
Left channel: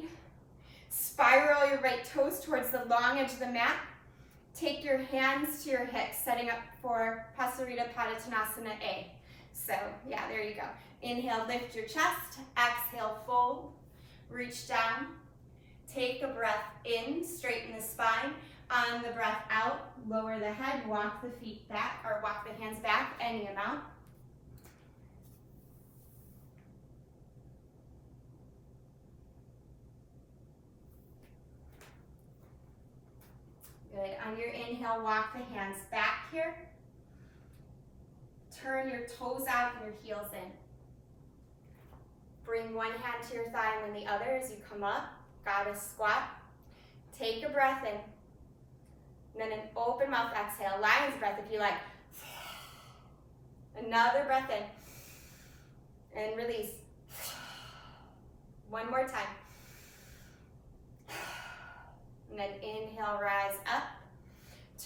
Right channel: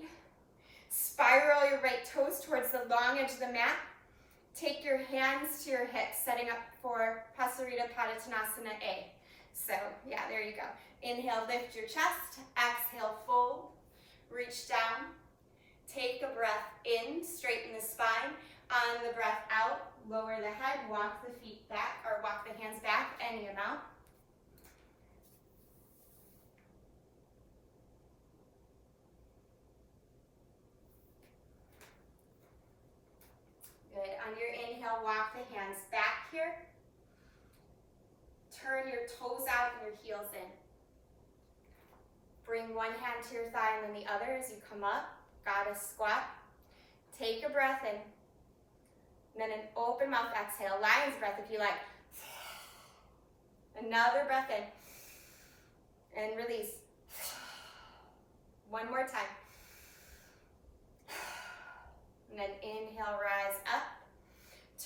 Spiral your right toes towards the long edge of the mat. Take your hands to your hips, setting up for Parsva Bakasana A. So, yeah, there you go. Inhale, lift your chest. Exhale, fold. Reach down. Take a breath in, straighten the spine. On the breath out, lower the head, walk the feet back, or walk the hands back any amount. Good. On your inhale, walk the hands back here. Turn your toes out and your heels in. Bring one hand to your thigh and then the other as you come up. Goddess squat. Take a breath in. And then an open mouth exhale. Lion's breath if you like. Another breath in. And release. One more time. And then inhale, rise up.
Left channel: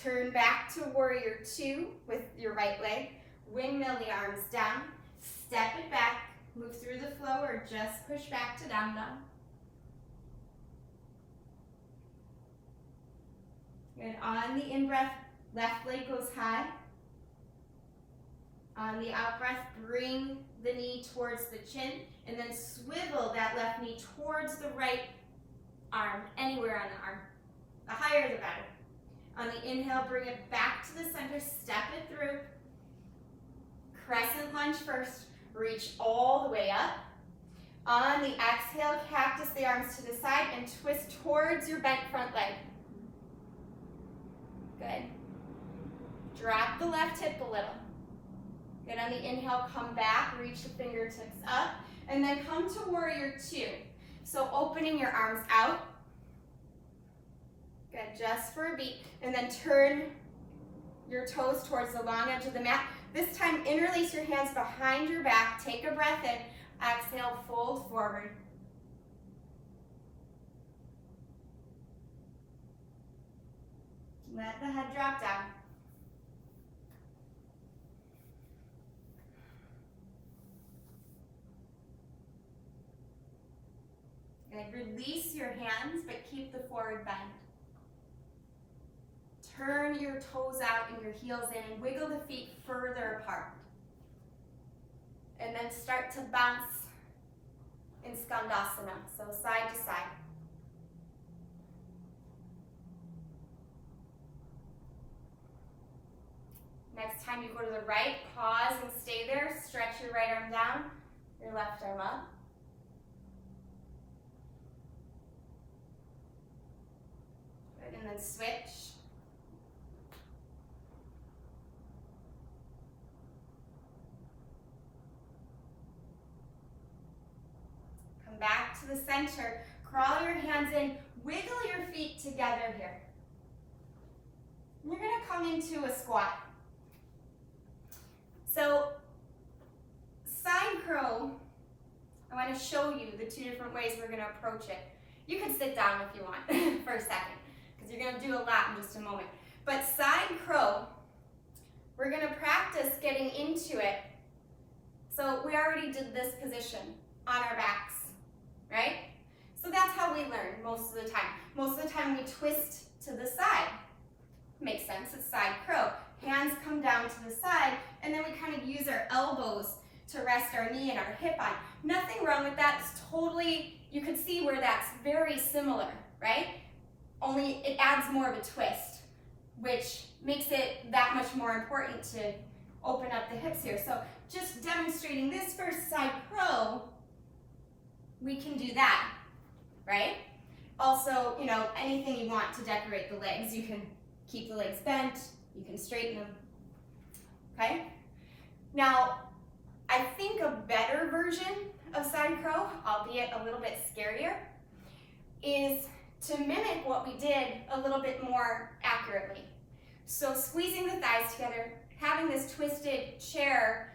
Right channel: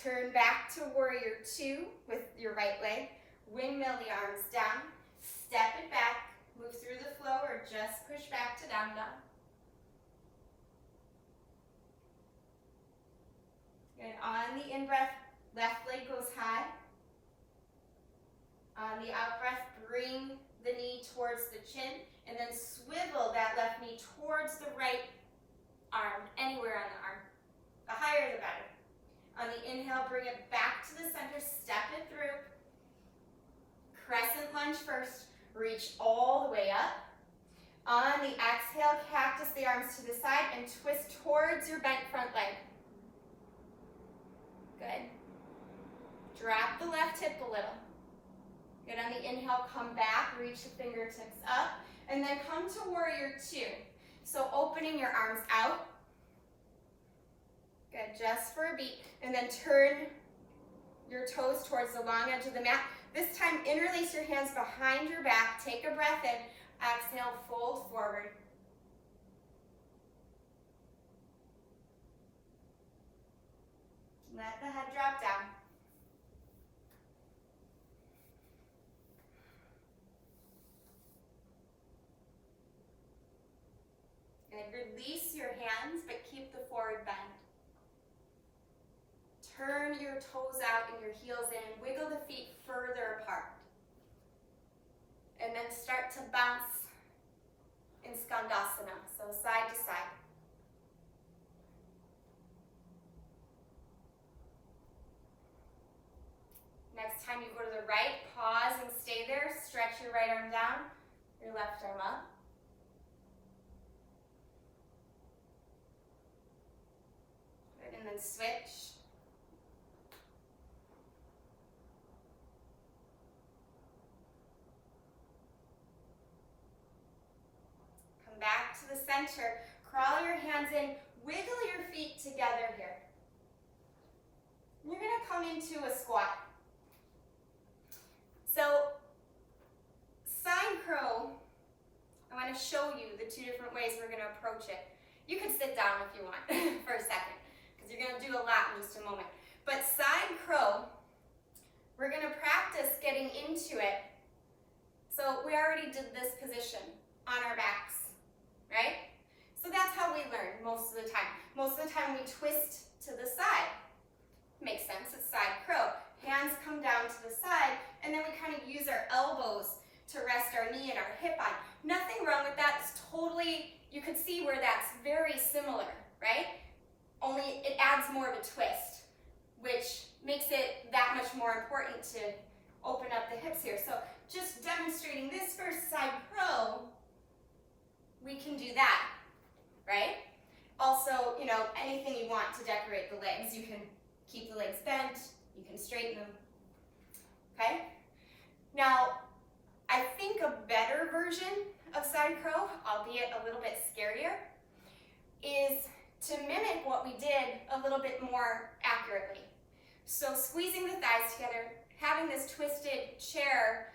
Turn back to warrior 2 with your right leg. Windmill the arms down. Step it back. Move through the flow or just push back to down dog. Good. On the in-breath, left leg goes high. On the out-breath, bring the knee towards the chin and then swivel that left knee towards the right arm, anywhere on the arm. The higher the better. On the inhale, bring it back to the center, step it through. Crescent lunge first, reach all the way up. On the exhale, cactus the arms to the side and twist towards your bent front leg. Good. Drop the left hip a little. Good. On the inhale, come back, reach the fingertips up, and then come to warrior 2. So opening your arms out. Good, just for a beat. And then turn your toes towards the long edge of the mat. This time, interlace your hands behind your back. Take a breath in. Exhale, fold forward. Let the head drop down. Good. Release your hands, but keep the forward bend. Turn your toes out and your heels in and wiggle the feet further apart. And then start to bounce in Skandasana, so side to side. Next time you go to the right, pause and stay there. Stretch your right arm down, your left arm up. Good, and then switch. Come back to the center. Crawl your hands in. Wiggle your feet together here. You're going to come into a squat. So, side curl, I want to show you the two different ways we're going to approach it. You could sit down if you want for a second, because you're going to do a lot in just a moment. But side curl, we're going to practice getting into it. So we already did this position on our backs, right? So that's how we learn most of the time. Most of the time we twist to the side. Makes sense, it's side curl. Hands come down to the side, and then we kind of use our elbows to rest our knee and our hip on. Nothing wrong with that. It's totally, you could see where that's very similar, right? Only it adds more of a twist, which makes it that much more important to open up the hips here. So just demonstrating this first side curl, we can do that, right? Also, you know, anything you want to decorate the legs. You can keep the legs bent, you can straighten them, okay? Now, I think a better version of side curl, albeit a little bit scarier, is to mimic what we did a little bit more accurately. So squeezing the thighs together, having this twisted chair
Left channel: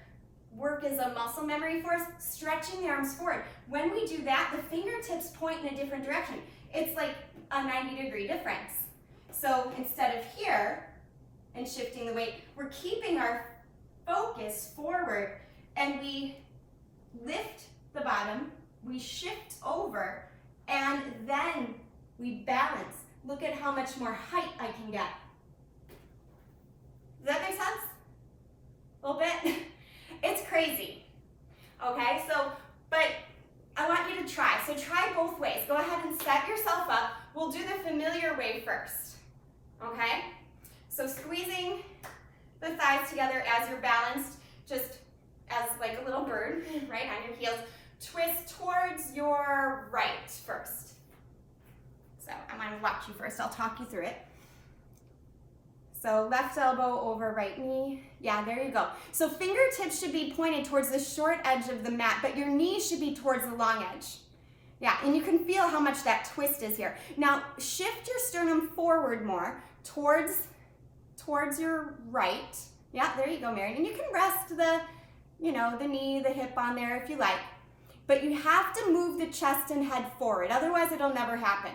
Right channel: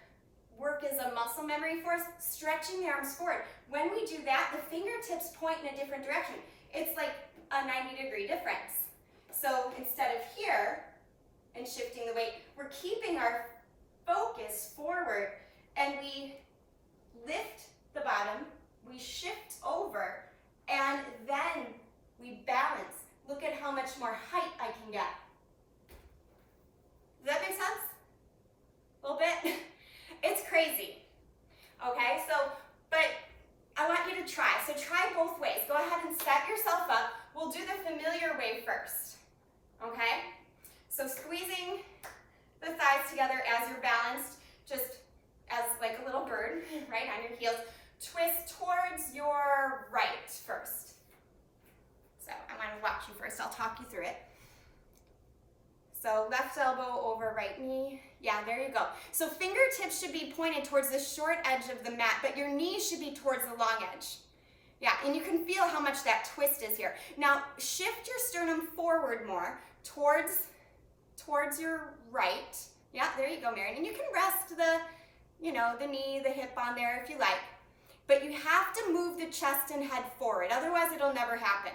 work as a muscle memory for us, stretching the arms forward. When we do that, the fingertips point in a different direction. It's like a 90-degree difference. So instead of here and shifting the weight, we're keeping our focus forward, and we lift the bottom, we shift over, and then we balance. Look at how much more height I can get. Does that make sense? A little bit? It's crazy. Okay, but I want you to try. So try both ways. Go ahead and set yourself up. We'll do the familiar way first. Okay? So squeezing the thighs together as you're balanced, just as like a little bird, right, on your heels. Twist towards your right first. So I'm going to watch you first. I'll talk you through it. So left elbow over right knee. Yeah, there you go. So fingertips should be pointed towards the short edge of the mat, but your knees should be towards the long edge. Yeah, and you can feel how much that twist is here. Now, shift your sternum forward more towards your right. Yeah, there you go, Marion. And you can rest the knee, the hip on there if you like. But you have to move the chest and head forward. Otherwise, it'll never happen.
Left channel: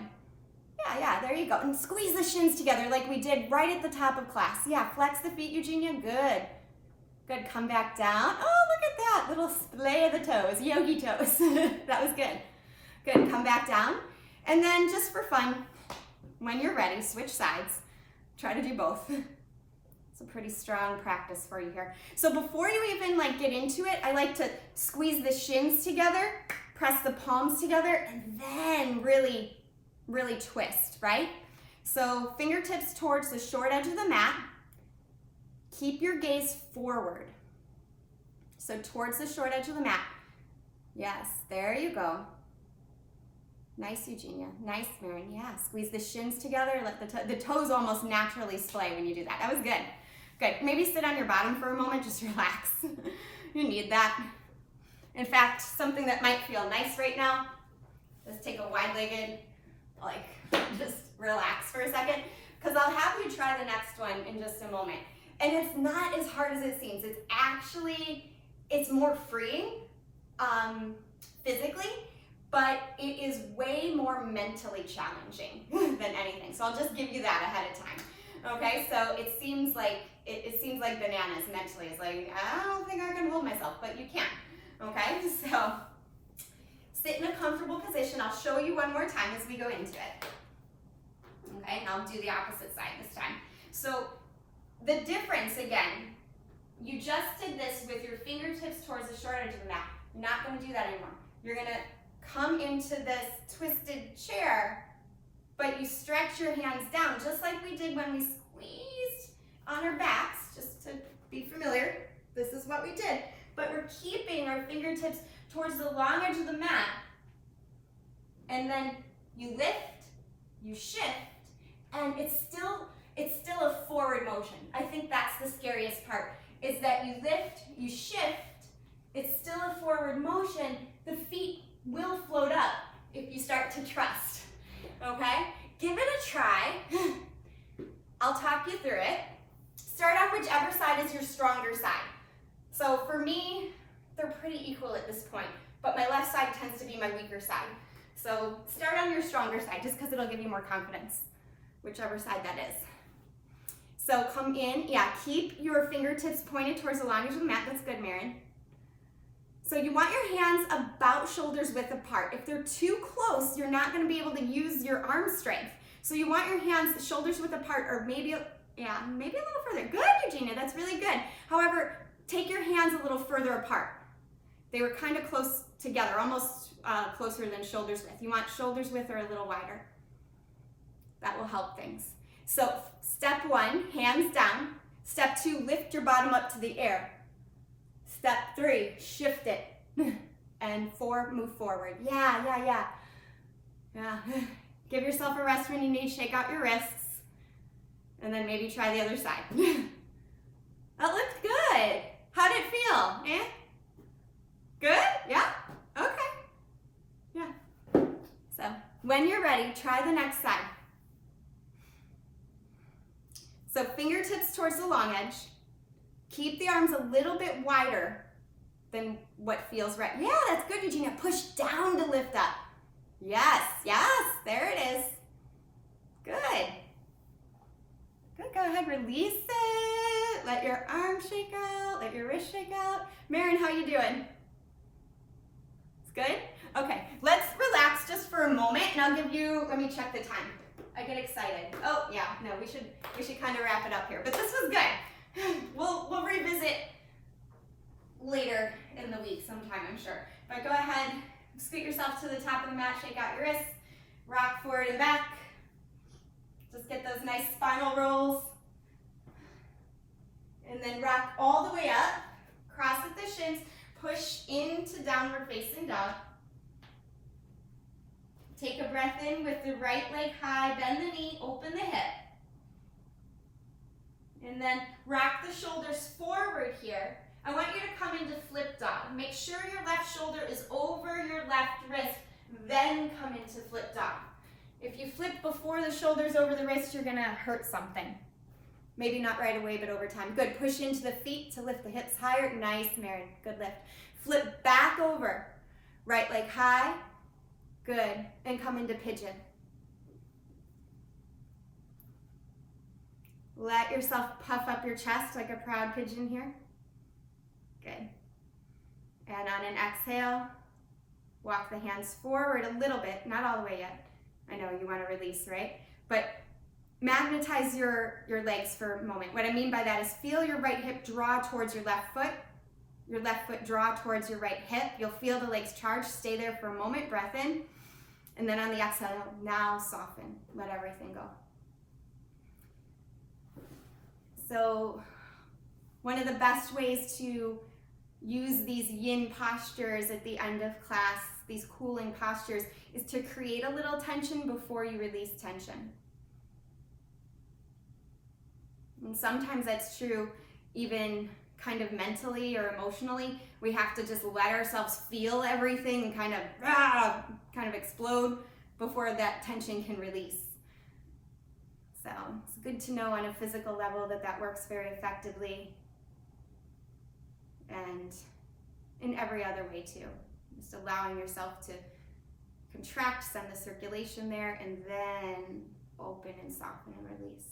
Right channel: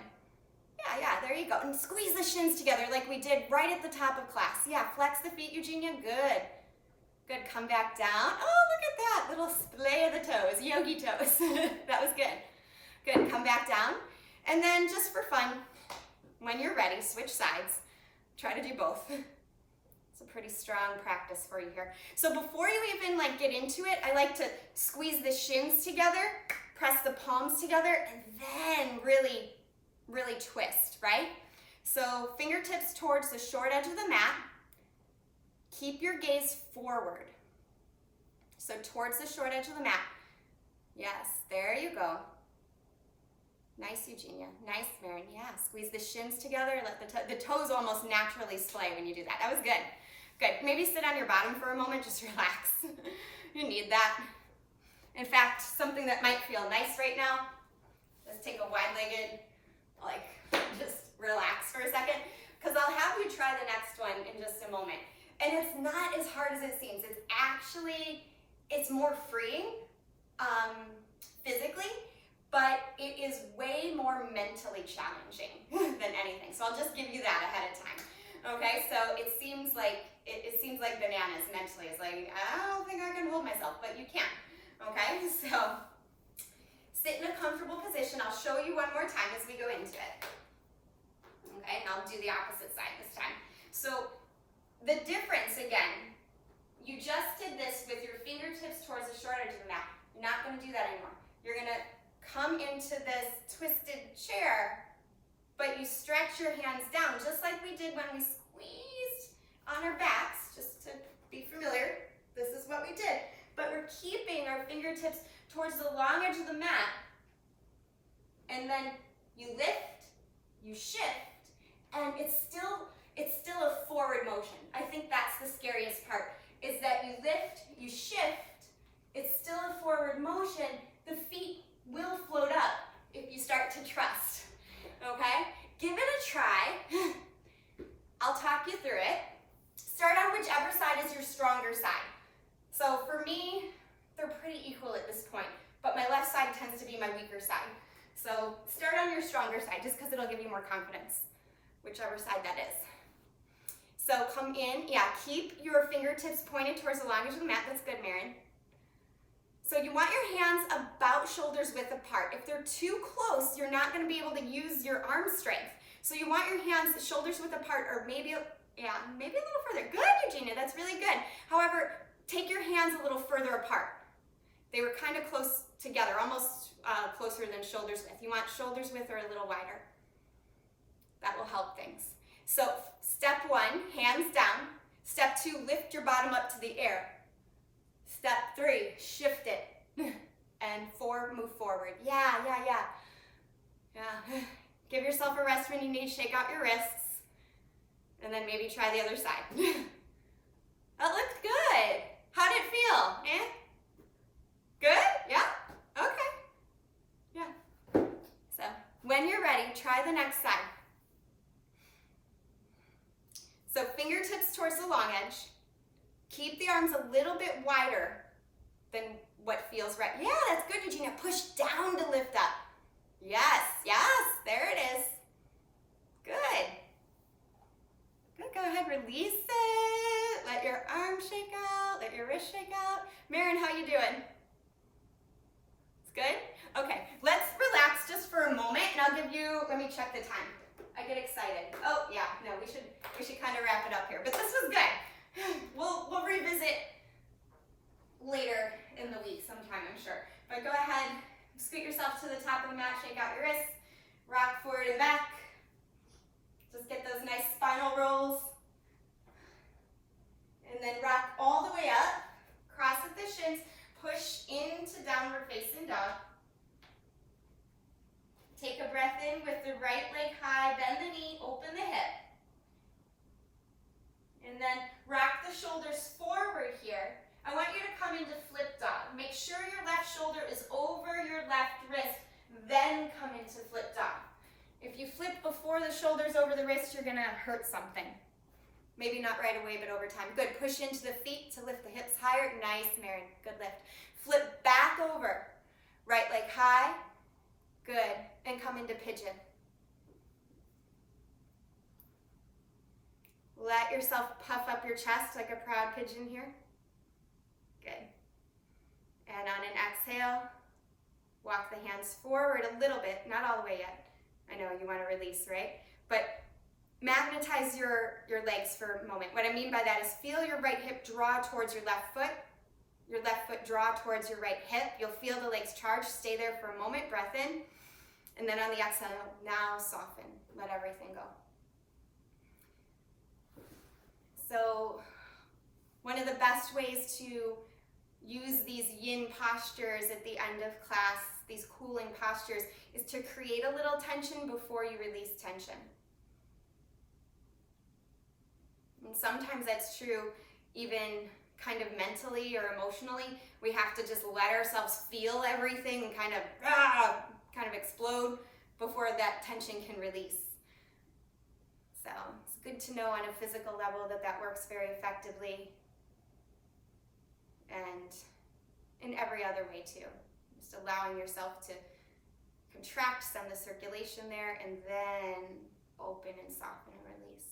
Yeah, there you go. And squeeze the shins together like we did right at the top of class. Yeah, flex the feet, Eugenia. Good. Come back down. Oh, look at that. Little splay of the toes, yogi toes. That was good. Good, come back down. And then just for fun, when you're ready, switch sides. Try to do both. It's a pretty strong practice for you here. So before you even get into it, I like to squeeze the shins together, press the palms together, and then really twist, right? So fingertips towards the short edge of the mat. Keep your gaze forward. So towards the short edge of the mat. Yes, there you go. Nice, Eugenia. Nice, Marion. Yeah, squeeze the shins together. Let the toes almost naturally splay when you do that. That was good. Good. Maybe sit on your bottom for a moment. Just relax. You need that. In fact, something that might feel nice right now, just take a wide-legged, just relax for a second, because I'll have you try the next one in just a moment. And it's not as hard as it seems. It's more freeing physically, but it is way more mentally challenging than anything. So I'll just give you that ahead of time. Okay, so it seems like bananas mentally. It's like, I don't think I can hold myself, but you can. Okay, so sit in a comfortable position. I'll show you one more time as we go into it. Okay, and I'll do the opposite side this time. So the difference, again, you just did this with your fingertips towards the short edge of the mat. You're not going to do that anymore. You're going to come into this twisted chair, but you stretch your hands down, just like we did when we squeezed on our backs, just to be fingertips towards the long edge of the mat. And then you lift, you shift, and it's still a forward motion. I think that's the scariest part, is that you lift, you shift, it's still a forward motion. The feet will float up if you start to trust, okay? Give it a try. I'll talk you through it. Start on whichever side is your stronger side. So for me, they're pretty equal at this point, but my left side tends to be my weaker side. So start on your stronger side, just because it'll give you more confidence, whichever side that is. So come in, keep your fingertips pointed towards the long edge of the mat. That's good, Marin. So you want your hands about shoulders width apart. If they're too close, you're not going to be able to use your arm strength. So you want your hands shoulders width apart, or maybe a little further. Good, Eugenia, that's really good. However, take your hands a little further apart. They were kind of close together, almost closer than shoulders width. You want shoulders width or a little wider. That will help things. So step 1, hands down. Step 2, lift your bottom up to the air. Step 3, shift it. And 4, move forward. Yeah. Give yourself a rest when you need. Shake out your wrists. And then maybe try the other side. That looked good. How'd it feel? Good? Yeah? Okay. Yeah. So when you're ready, try the next side. So fingertips towards the long edge. Keep the arms a little bit wider than what feels right. Yeah, that's good, Eugenia. Push down to lift up. Yes, there it is. Good. Go ahead, release it. Let your arm shake out, let your wrist shake out. Marin, how you doing? It's good? Okay, let's relax just for a moment, and I'll give you, let me check the time. I get excited. Oh, yeah, no, we should kind of wrap it up here, but this was good. We'll revisit later in the week sometime, I'm sure. But go ahead, scoot yourself to the top of the mat, shake out your wrists, rock forward and back. Just get those nice spinal rolls. And then rock all the way up, cross at the shins, push into downward facing dog. Take a breath in with the right leg high, bend the knee, open the hip. And then rock the shoulders forward here. I want you to come into flip dog. Make sure your left shoulder is over your left wrist, then come into flip dog. If you flip before the shoulder's over the wrist, you're gonna hurt something. Maybe not right away, but over time. Good, push into the feet to lift the hips higher. Nice, Marin, good lift. Flip back over, right leg high, good, and come into pigeon. Let yourself puff up your chest like a proud pigeon here. Good. And on an exhale, walk the hands forward a little bit, not all the way yet. I know you want to release, right? But magnetize your legs for a moment. What I mean by that is feel your right hip draw towards your left foot draw towards your right hip. You'll feel the legs charge. Stay there for a moment, breath in. And then on the exhale, now soften. Let everything go. So one of the best ways to use these yin postures at the end of class, these cooling postures, is to create a little tension before you release tension. And sometimes that's true even kind of mentally or emotionally. We have to just let ourselves feel everything and kind of explode before that tension can release. So it's good to know on a physical level that works very effectively, and in every other way too. Just allowing yourself to contract, send the circulation there, and then open and soften and release.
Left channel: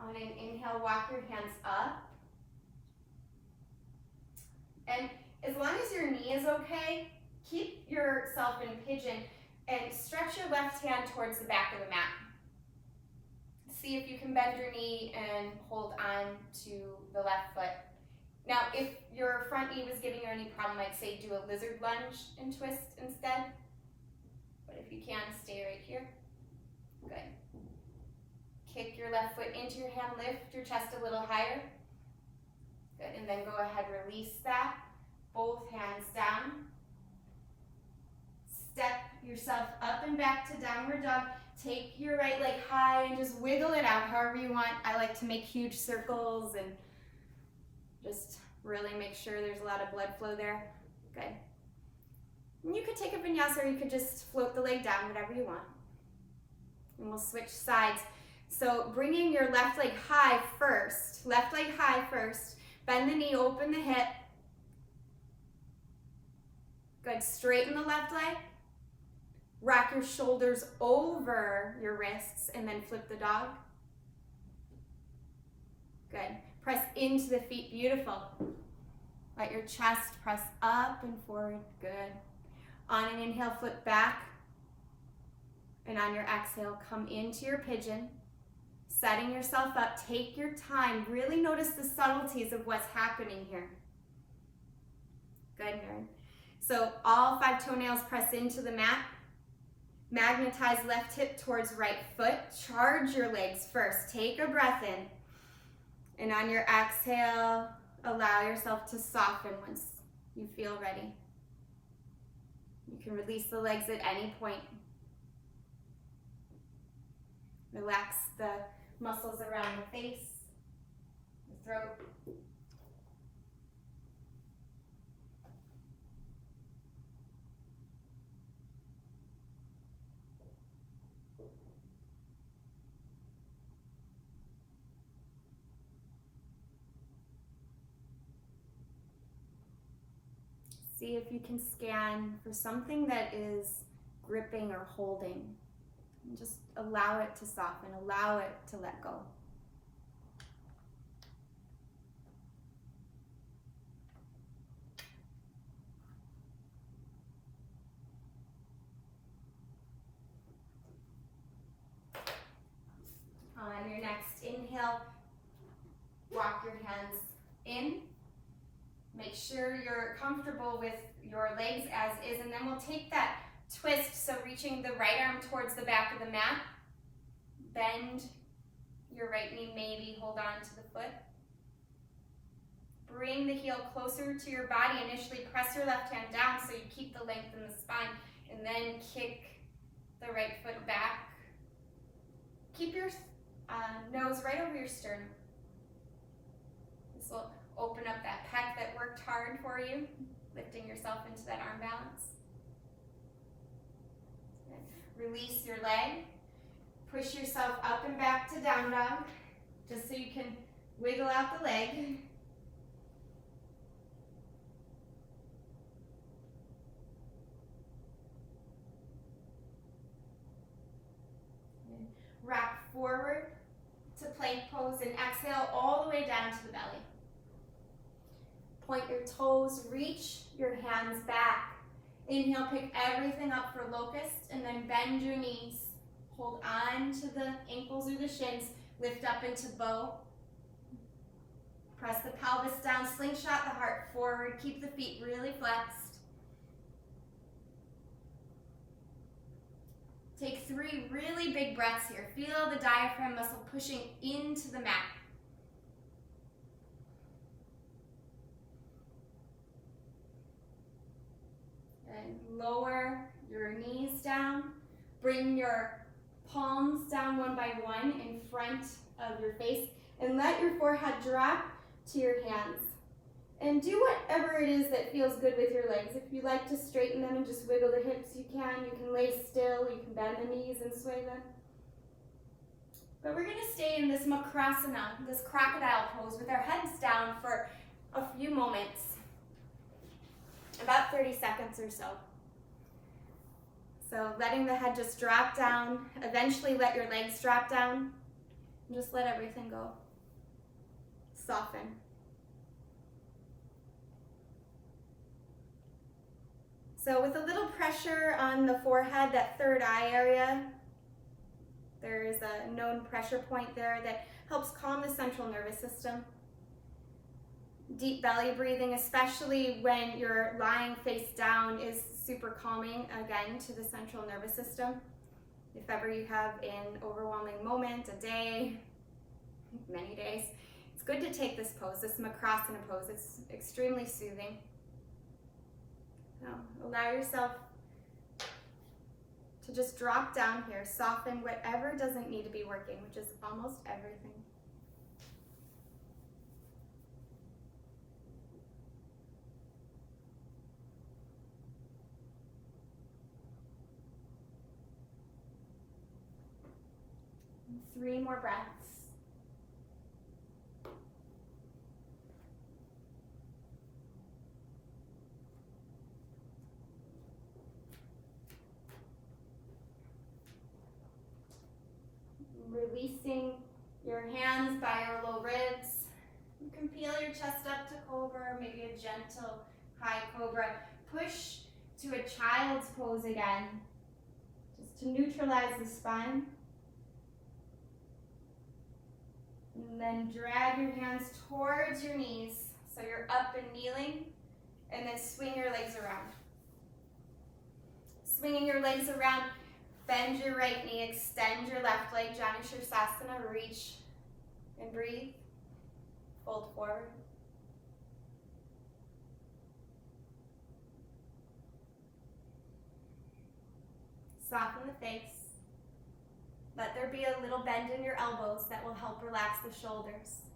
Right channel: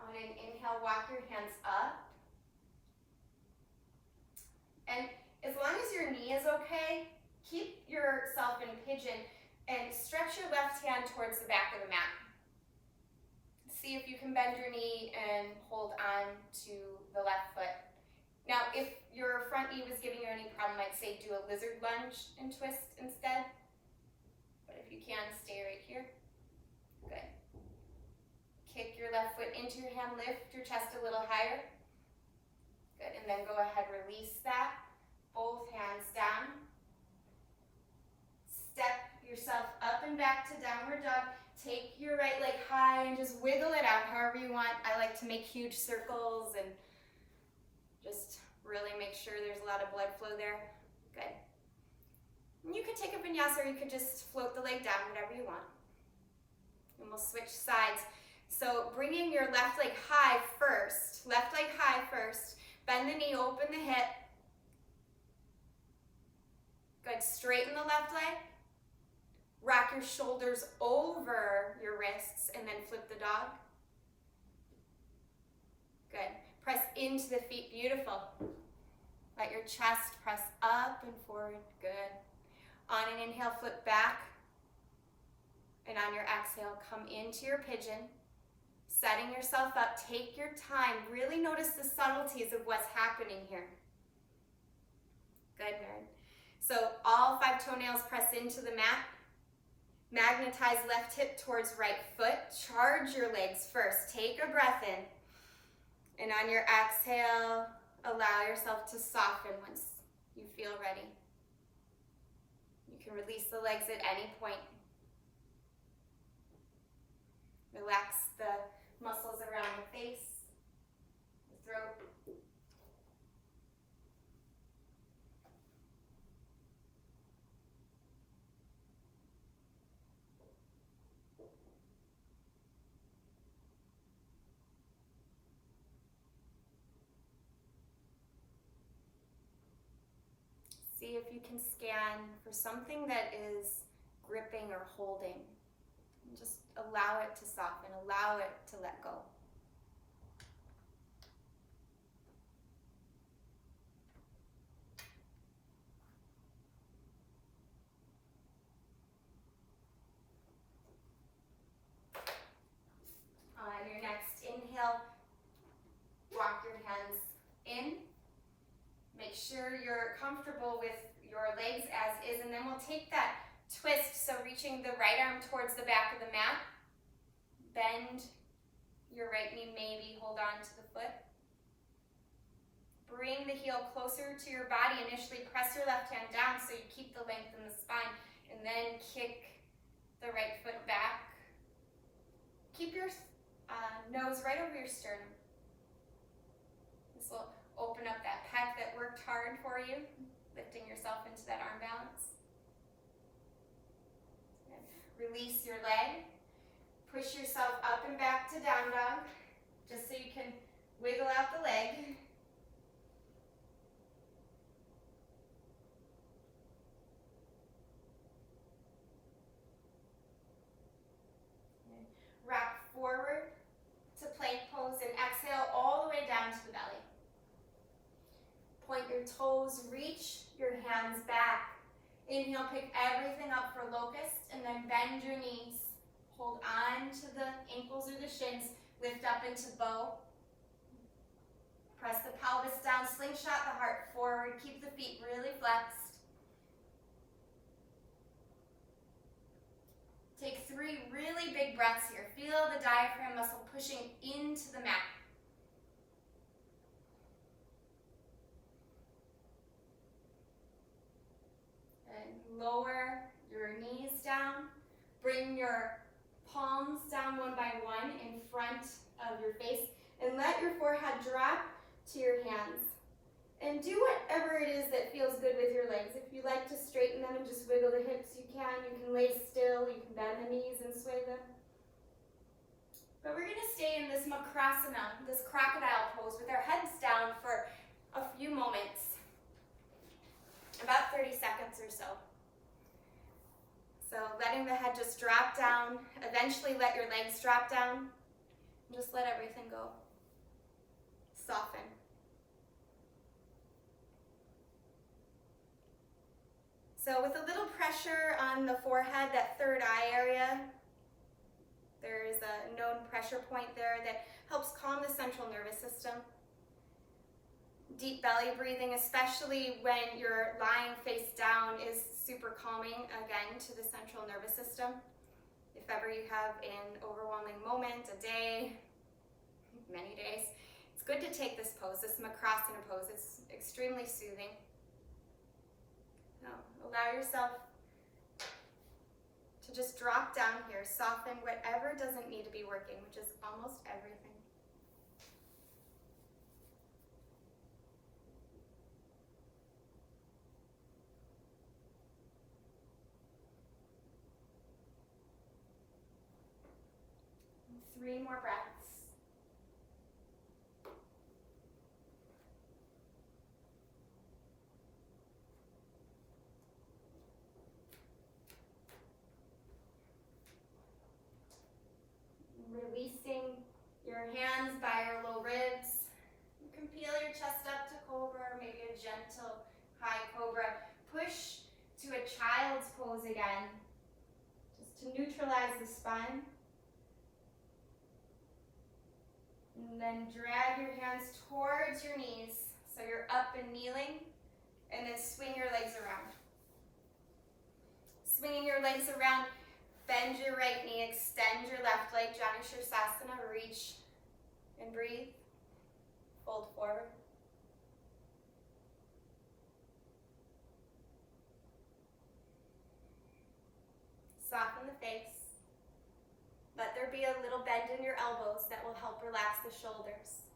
On an inhale, walk your hands up. And as long as your knee is okay, keep yourself in pigeon and stretch your left hand towards the back of the mat. See if you can bend your knee and hold on to the left foot. Now, if your front knee was giving you any problem, I'd say do a lizard lunge and twist instead. But if you can, stay right here. Good. Kick your left foot into your hand, lift your chest a little higher. Good, and then go ahead, release that. Both hands down. Step yourself up and back to downward dog. Take your right leg high and just wiggle it out however you want. I like to make huge circles and just really make sure there's a lot of blood flow there. Good. And you could take a vinyasa or you could just float the leg down, whatever you want. And we'll switch sides. So bringing your left leg high first. Left leg high first. Bend the knee, open the hip. Good. Straighten the left leg. Rock your shoulders over your wrists and then flip the dog. Good. Press into the feet. Beautiful. Let your chest press up and forward. Good. On an inhale, flip back. And on your exhale, come into your pigeon. Setting yourself up. Take your time. Really notice the subtleties of what's happening here. Good, Nerd. So all 5 toenails press into the mat. Magnetize left hip towards right foot. Charge your legs first. Take a breath in. And on your exhale, allow yourself to soften once you feel ready. You can release the legs at any point. Relax the muscles around the face, the throat. See if you can scan for something that is gripping or holding. And just allow it to soften, allow it to let go. On your next inhale, walk your hands in. Make sure you're comfortable with your legs as is, and then we'll take that twist, so reaching the right arm towards the back of the mat. Bend your right knee, maybe hold on to the foot. Bring the heel closer to your body. Initially press your left hand down so you keep the length in the spine, and then kick the right foot back. Keep your nose right over your sternum. This will open up that pec that worked hard for you, lifting yourself into that arm balance. And release your leg. Push yourself up and back to down dog, just so you can wiggle out the leg. And rock forward to plank pose and exhale all the way down to the belly. Point your toes, reach your hands back. Inhale, pick everything up for locust, and then bend your knees. Hold on to the ankles or the shins, lift up into bow. Press the pelvis down, slingshot the heart forward, keep the feet really flexed. Take 3 really big breaths here. Feel the diaphragm muscle pushing into the mat. Lower your knees down. Bring your palms down one by one in front of your face, and let your forehead drop to your hands. And do whatever it is that feels good with your legs. If you like to straighten them and just wiggle the hips, you can. You can lay still, you can bend the knees and sway them. But we're gonna stay in this Bakasana, this crocodile pose, with our heads down for a few moments, about 30 seconds or so. So letting the head just drop down, eventually let your legs drop down, and just let everything go. Soften. So with a little pressure on the forehead, that third eye area, there is a known pressure point there that helps calm the central nervous system. Deep belly breathing, especially when you're lying face down, is super calming, again, to the central nervous system. If ever you have an overwhelming moment, a day, many days, it's good to take this pose, this Bakasana pose. It's extremely soothing. Now, allow yourself to just drop down here, soften whatever doesn't need to be working, which is almost everything. And 3 more breaths. Releasing your hands by your low ribs. You can peel your chest up to cobra, maybe a gentle high cobra. Push to a child's pose again, just to neutralize the spine. And then drag your hands towards your knees, so you're up and kneeling, and then swing your legs around. Swinging your legs around, bend your right knee, extend your left leg, Janu Shirsasana, reach and breathe. Fold forward. Soften the face. Let there be a little bend in your elbows that will help relax the shoulders.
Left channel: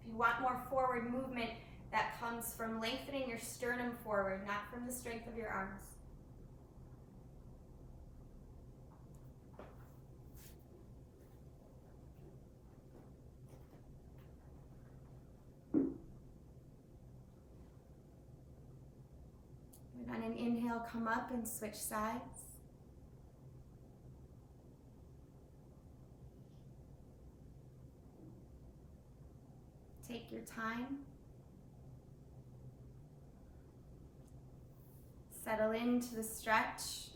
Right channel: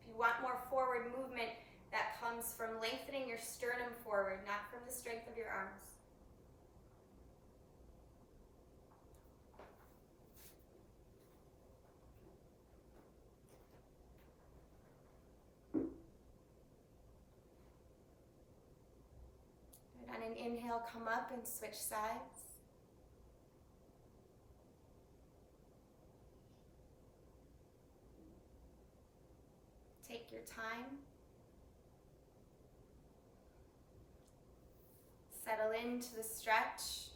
If you want more forward movement, that comes from lengthening your sternum forward, not from the strength of your arms. And on an inhale, come up and switch sides. Take your time. Settle into the stretch.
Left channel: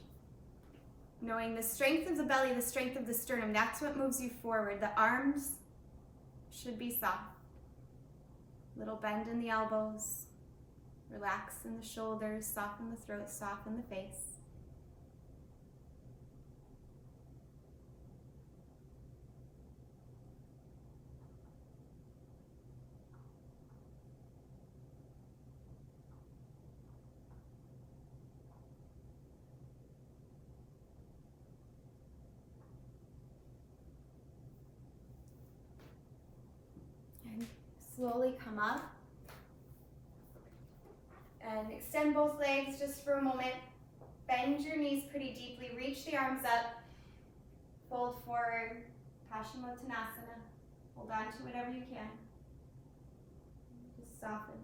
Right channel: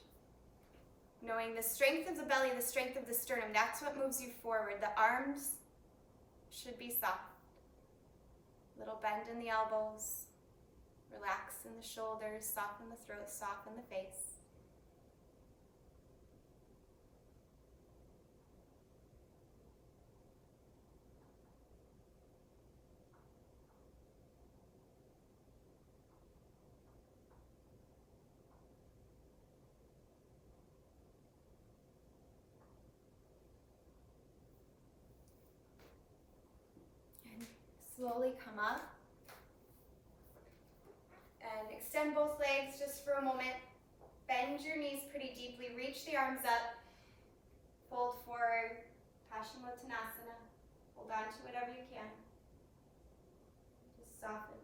Knowing the strength of the belly, the strength of the sternum, that's what moves you forward. The arms should be soft. Little bend in the elbows. Relax in the shoulders, soften the throat, soften the face. And slowly come up. And extend both legs just for a moment. Bend your knees pretty deeply. Reach the arms up. Fold forward. Paschimottanasana. Hold on to whatever you can. Just soften.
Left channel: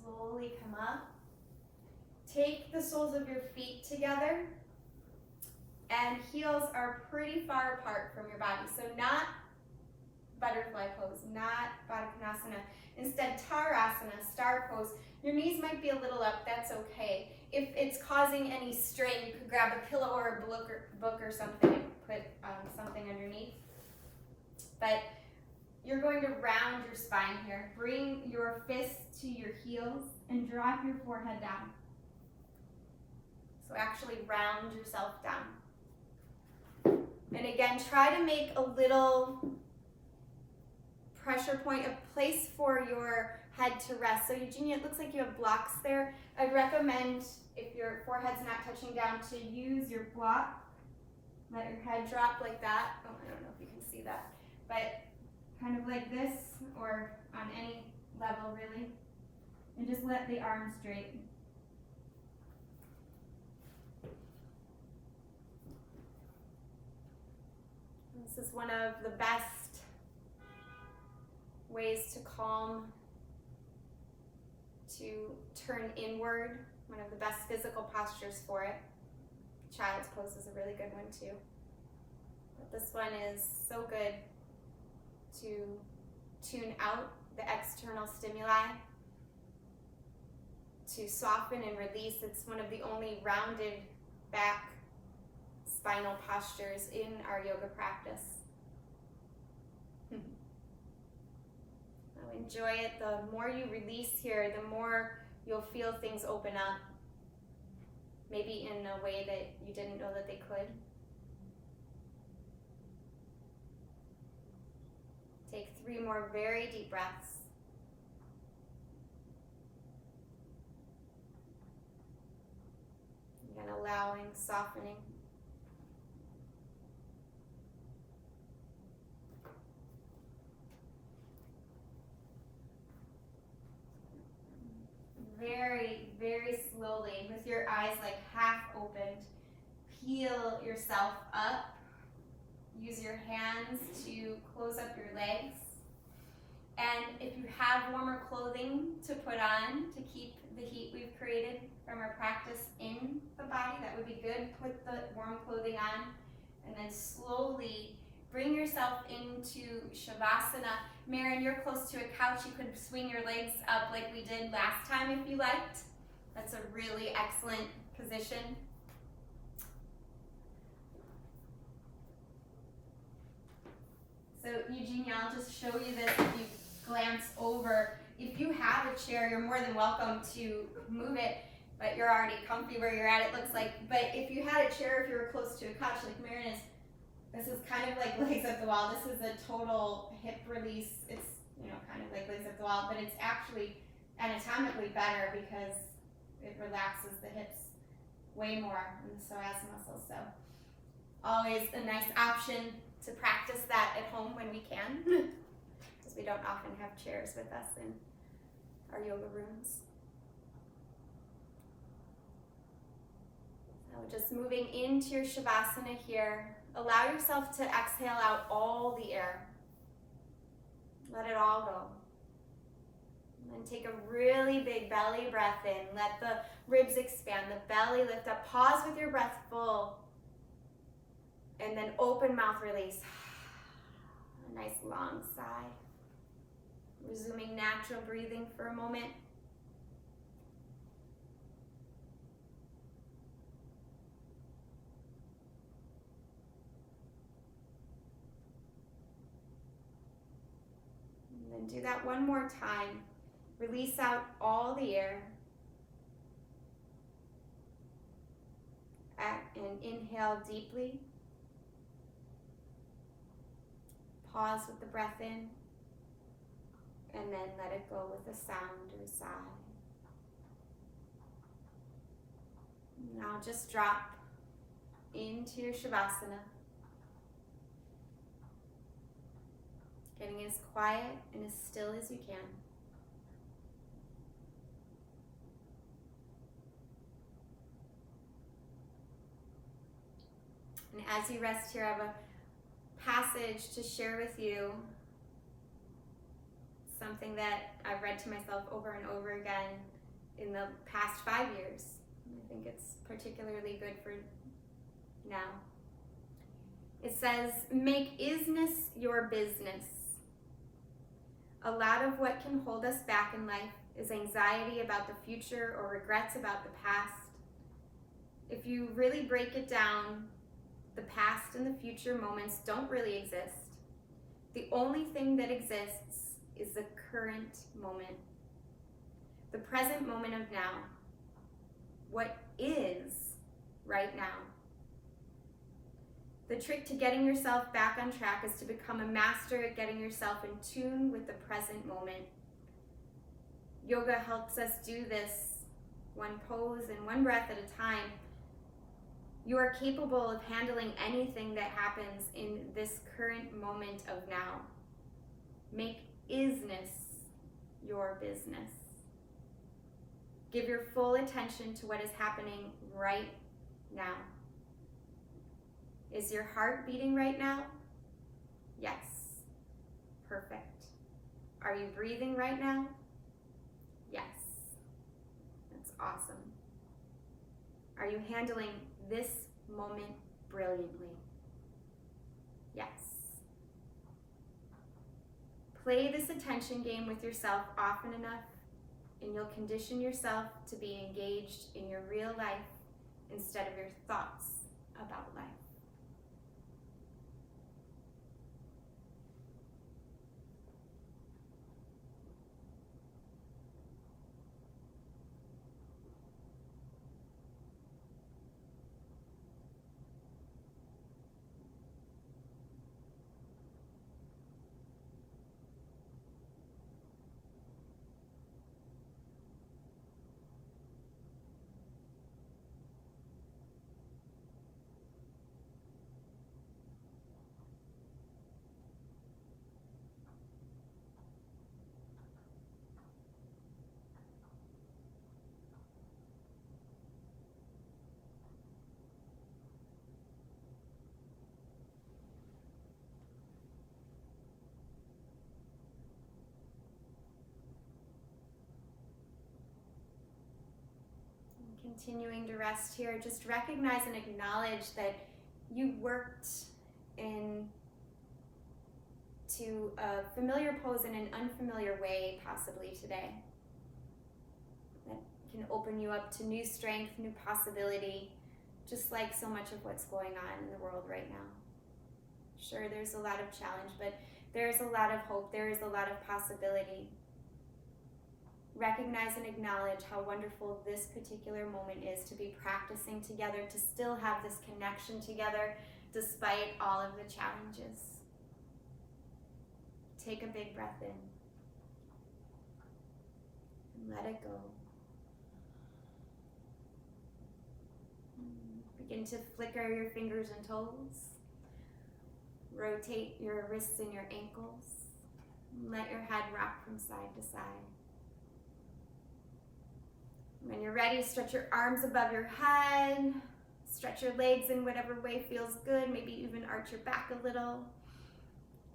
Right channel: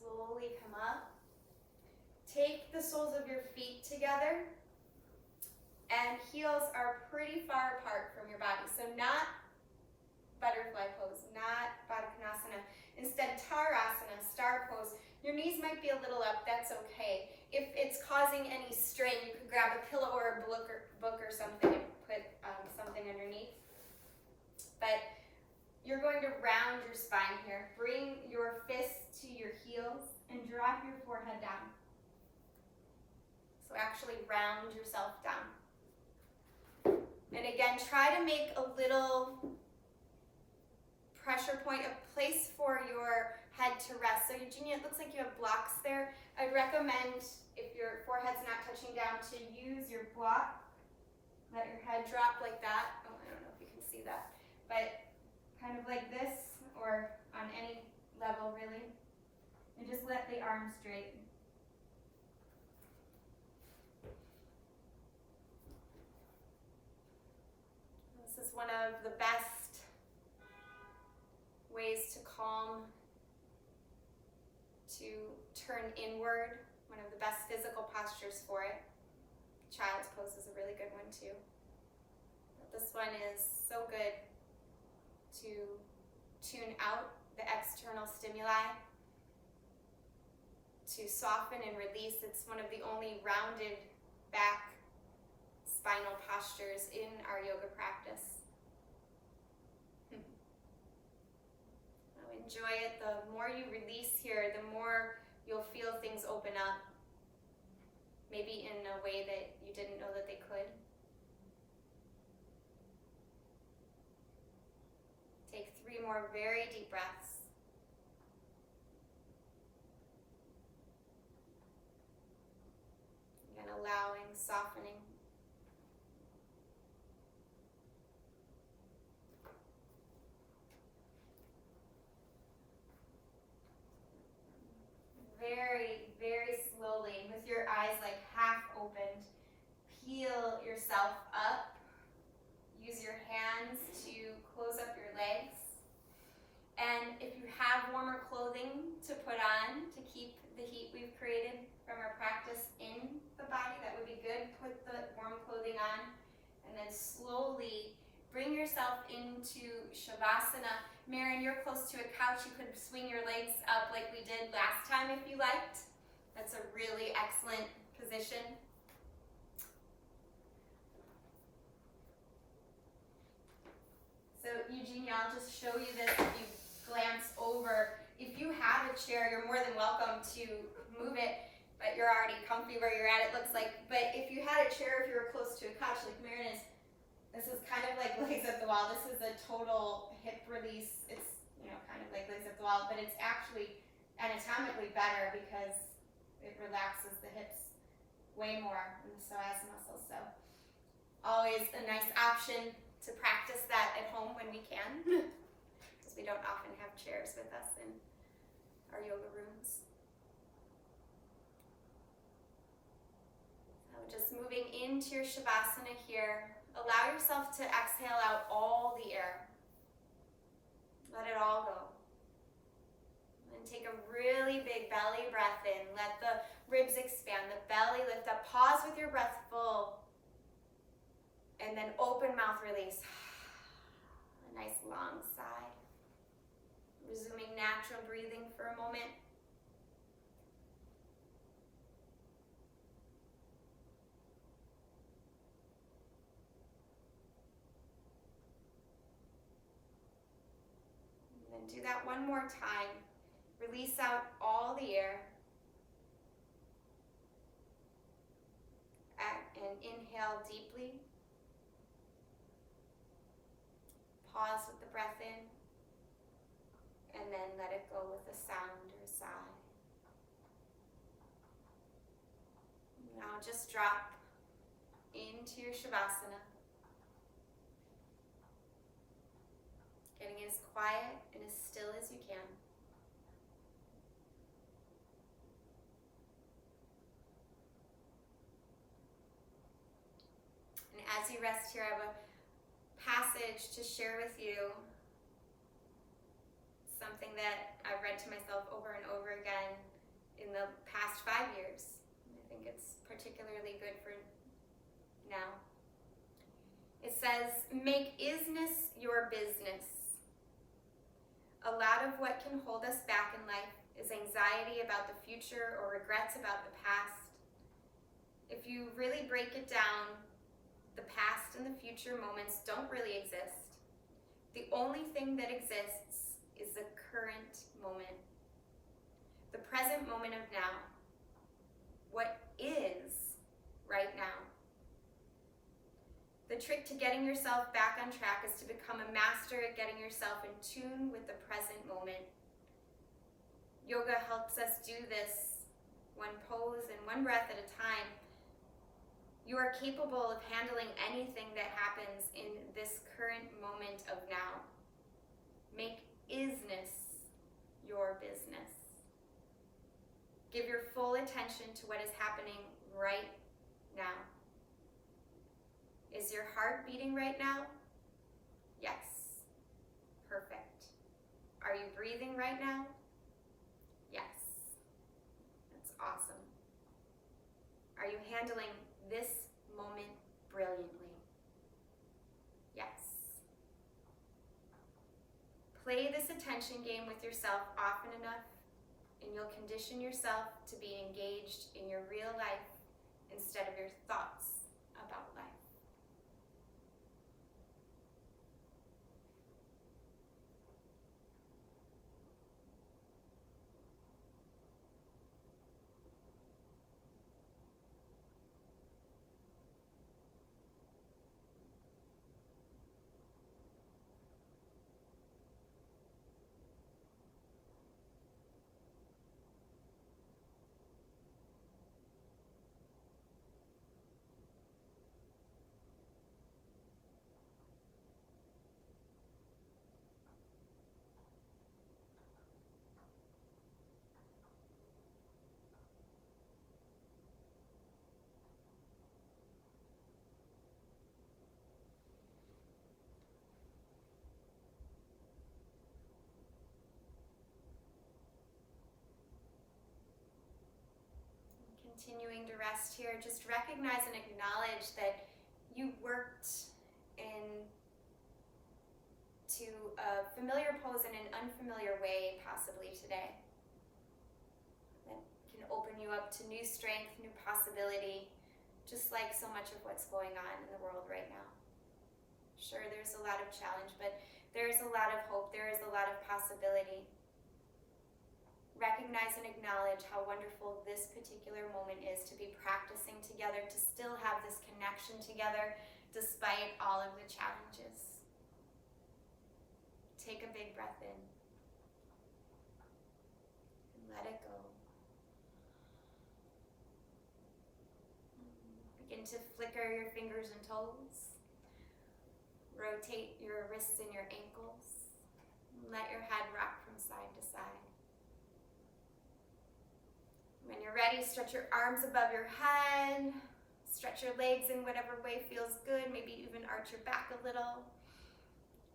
Slowly come up. Take the soles of your feet together, and heels are pretty far apart from your body. So not butterfly pose, not Bakasana. Instead, Tarasana, star pose. Your knees might be a little up, that's okay. If it's causing any strain, you could grab a pillow or a book or something and put something underneath. But you're going to round your spine here. Bring your fists to your heels and drop your forehead down. So actually round yourself down. And again, try to make a little pressure point, a place for your head to rest. So Eugenia, it looks like you have blocks there. I'd recommend, if your forehead's not touching down, to use your block. Let your head drop like that. Oh, I don't know if you can see that. But kind of like this, or on any level really. And just let the arms straighten. This is one of the best ways to calm, to turn inward, one of the best physical postures for it. Child's pose is a really good one too. But this one is so good to tune out the external stimuli, to soften and release. It's one of the only rounded back spinal postures in our yoga practice. Enjoy it. The more you release here, the more you'll feel things open up, maybe in a way that you didn't know that they could. Take 3 more very deep breaths. And allowing, softening. Very, very slowly, with your eyes like half opened, peel yourself up. Use your hands to close up your legs. And if you have warmer clothing to put on to keep the heat we've created from our practice in the body, that would be good. Put the warm clothing on and then slowly bring yourself into Shavasana. Marin, you're close to a couch. You could swing your legs up like we did last time if you liked. That's a really excellent position. So Eugenia, I'll just show you this if you glance over. If you have a chair, you're more than welcome to move it, but you're already comfy where you're at, it looks like. But if you had a chair, if you were close to a couch like Marin is, this is kind of like legs up the wall. This is a total hip release. It's, kind of like legs up the wall, but it's actually anatomically better because it relaxes the hips way more than the psoas muscles. So always a nice option to practice that at home when we can, because we don't often have chairs with us in our yoga rooms. So just moving into your Shavasana here. Allow yourself to exhale out all the air. Let it all go. And then take a really big belly breath in. Let the ribs expand, the belly lift up. Pause with your breath full. And then open mouth release. A nice long sigh. Resuming natural breathing for a moment. Do that one more time. Release out all the air. And inhale deeply. Pause with the breath in. And then let it go with a sound or a sigh. Now just drop into your Shavasana. Getting as quiet and as still as you can. And as you rest here, I have a passage to share with you. Something that I've read to myself over and over again in the past 5 years. I think it's particularly good for now. It says, make isness your business. A lot of what can hold us back in life is anxiety about the future or regrets about the past. If you really break it down, the past and the future moments don't really exist. The only thing that exists is the current moment. The present moment of now. What is right now? The trick to getting yourself back on track is to become a master at getting yourself in tune with the present moment. Yoga helps us do this one pose and one breath at a time. You are capable of handling anything that happens in this current moment of now. Make isness your business. Give your full attention to what is happening right now. Is your heart beating right now? Yes. Perfect. Are you breathing right now? Yes. That's awesome. Are you handling this moment brilliantly? Yes. Play this attention game with yourself often enough, and you'll condition yourself to be engaged in your real life instead of your thoughts about life. Continuing to rest here, just recognize and acknowledge that you worked into a familiar pose in an unfamiliar way possibly today. That can open you up to new strength, new possibility, just like so much of what's going on in the world right now. Sure, there's a lot of challenge, but there's a lot of hope, there is a lot of possibility. Recognize and acknowledge how wonderful this particular moment is to be practicing together, to still have this connection together despite all of the challenges. Take a big breath in and let it go. Begin to flicker your fingers and toes. Rotate your wrists and your ankles. Let your head rock from side to side. When you're ready, stretch your arms above your head. Stretch your legs in whatever way feels good. Maybe even arch your back a little.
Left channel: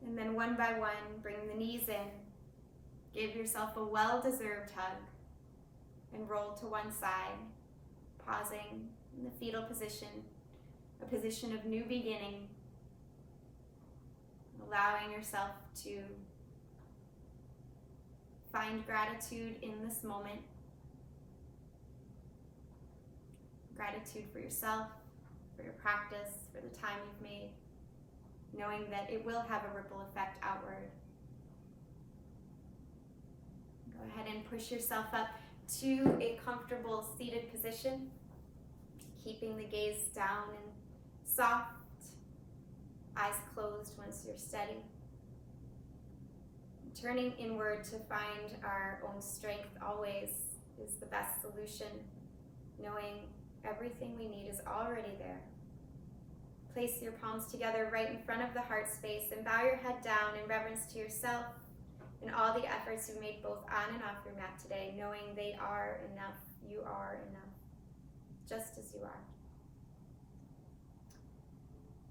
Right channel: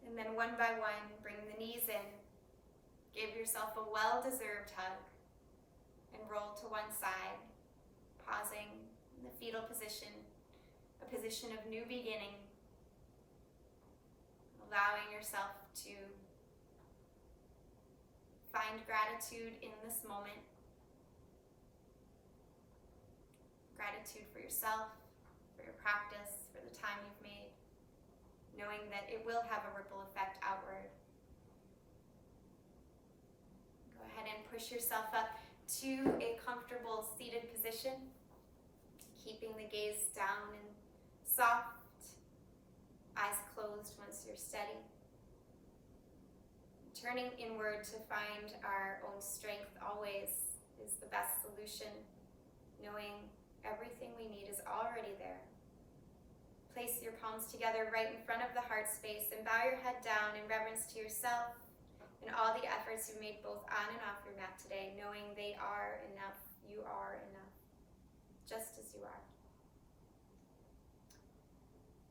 And then one by one, bring the knees in. Give yourself a well-deserved hug. And roll to one side, pausing in the fetal position, a position of new beginning. Allowing yourself to find gratitude in this moment. Gratitude for yourself, for your practice, for the time you've made, knowing that it will have a ripple effect outward. Go ahead and push yourself up to a comfortable seated position, keeping the gaze down and soft, eyes closed once you're steady. Turning inward to find our own strength always is the best solution, knowing everything we need is already there. Place your palms together right in front of the heart space and bow your head down in reverence to yourself and all the efforts you've made both on and off your mat today, knowing they are enough. You are enough, just as you are.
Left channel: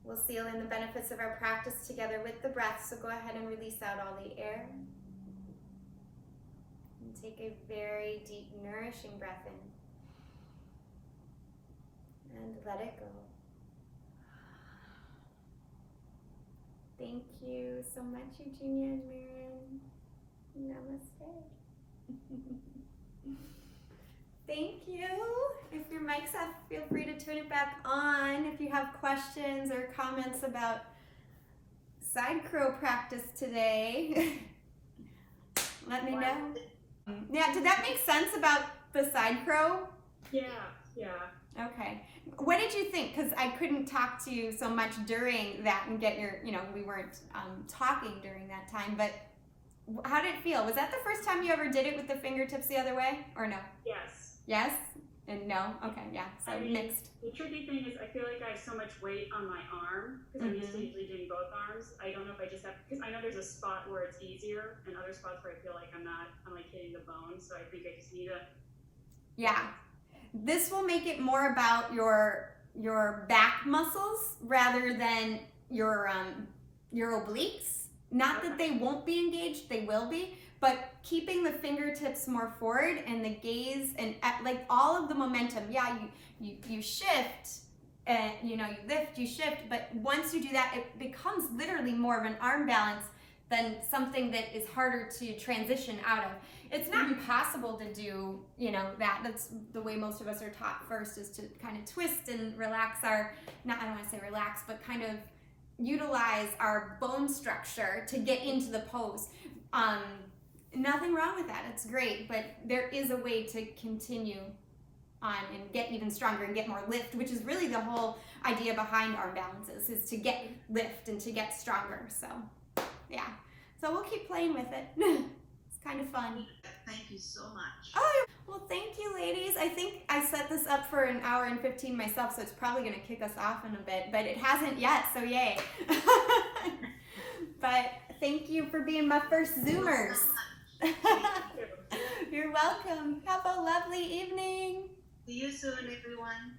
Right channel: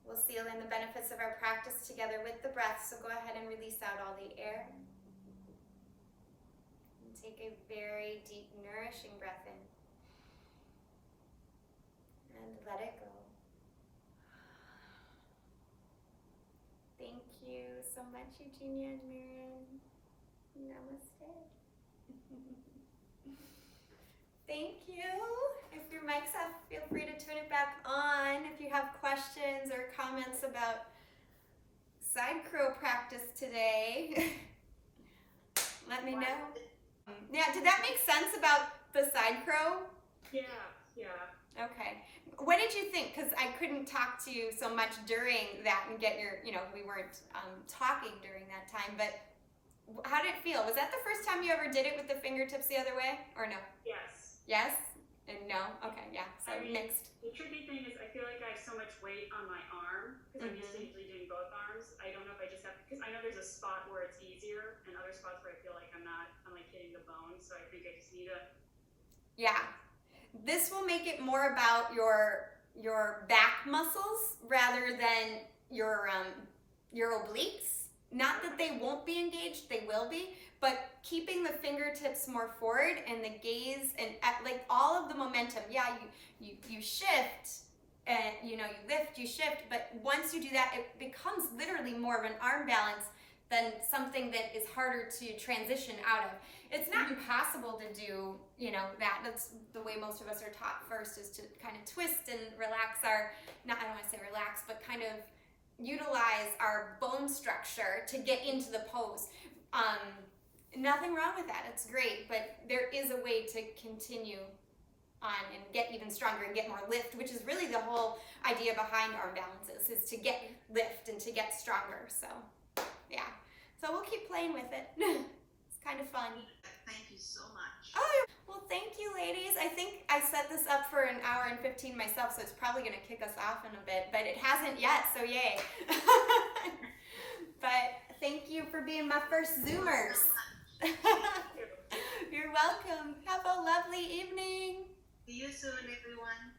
We'll seal in the benefits of our practice together with the breath, so go ahead and release out all the air. And take a very deep, nourishing breath in. And let it go. Thank you so much, Eugenia and Maren. Namaste. Thank you. If your mic's off, feel free to turn it back on. If you have questions or comments about side crow practice today, let me know. Yeah, did that make sense about the side crow? Yeah. Okay. What did you think? Because I couldn't talk to you so much during that and get your, we weren't talking during that time, but how did it feel? Was that the first time you ever did it with the fingertips the other way, or no? Yes. Yes? And no? Okay, yeah, so mixed. The tricky thing is I feel like I have so much weight on my arm, because I'm used to usually doing both arms. I don't know if I just have, because I know there's a spot where it's easier, and other spots where I feel like I'm like hitting the bone, so I think I just need to. Yeah. This will make it more about your back muscles rather than your obliques. Not that they won't be engaged, they will be, but keeping the fingertips more forward and the gaze and like all of the momentum. Yeah, you shift, you lift, you shift, but once you do that, it becomes literally more of an arm balance than something that is harder to transition out of. It's not impossible to do, that. That's the way most of us are taught first, is to kind of twist and relax I don't want to say relax, but kind of utilize our bone structure to get into the pose. Nothing wrong with that. It's great, but there is a way to continue on and get even stronger and get more lift, which is really the whole idea behind arm balances, is to get lift and to get stronger. So, yeah. So we'll keep playing with it. It's kind of fun. Thank you so much. Oh, yeah. Well, thank you, ladies. I think I set this up for an hour and 15 myself, so it's probably going to kick us off in a bit, but it hasn't yet, so yay. But thank you for being my first Zoomers. You're welcome. Have a lovely evening. See you soon, everyone.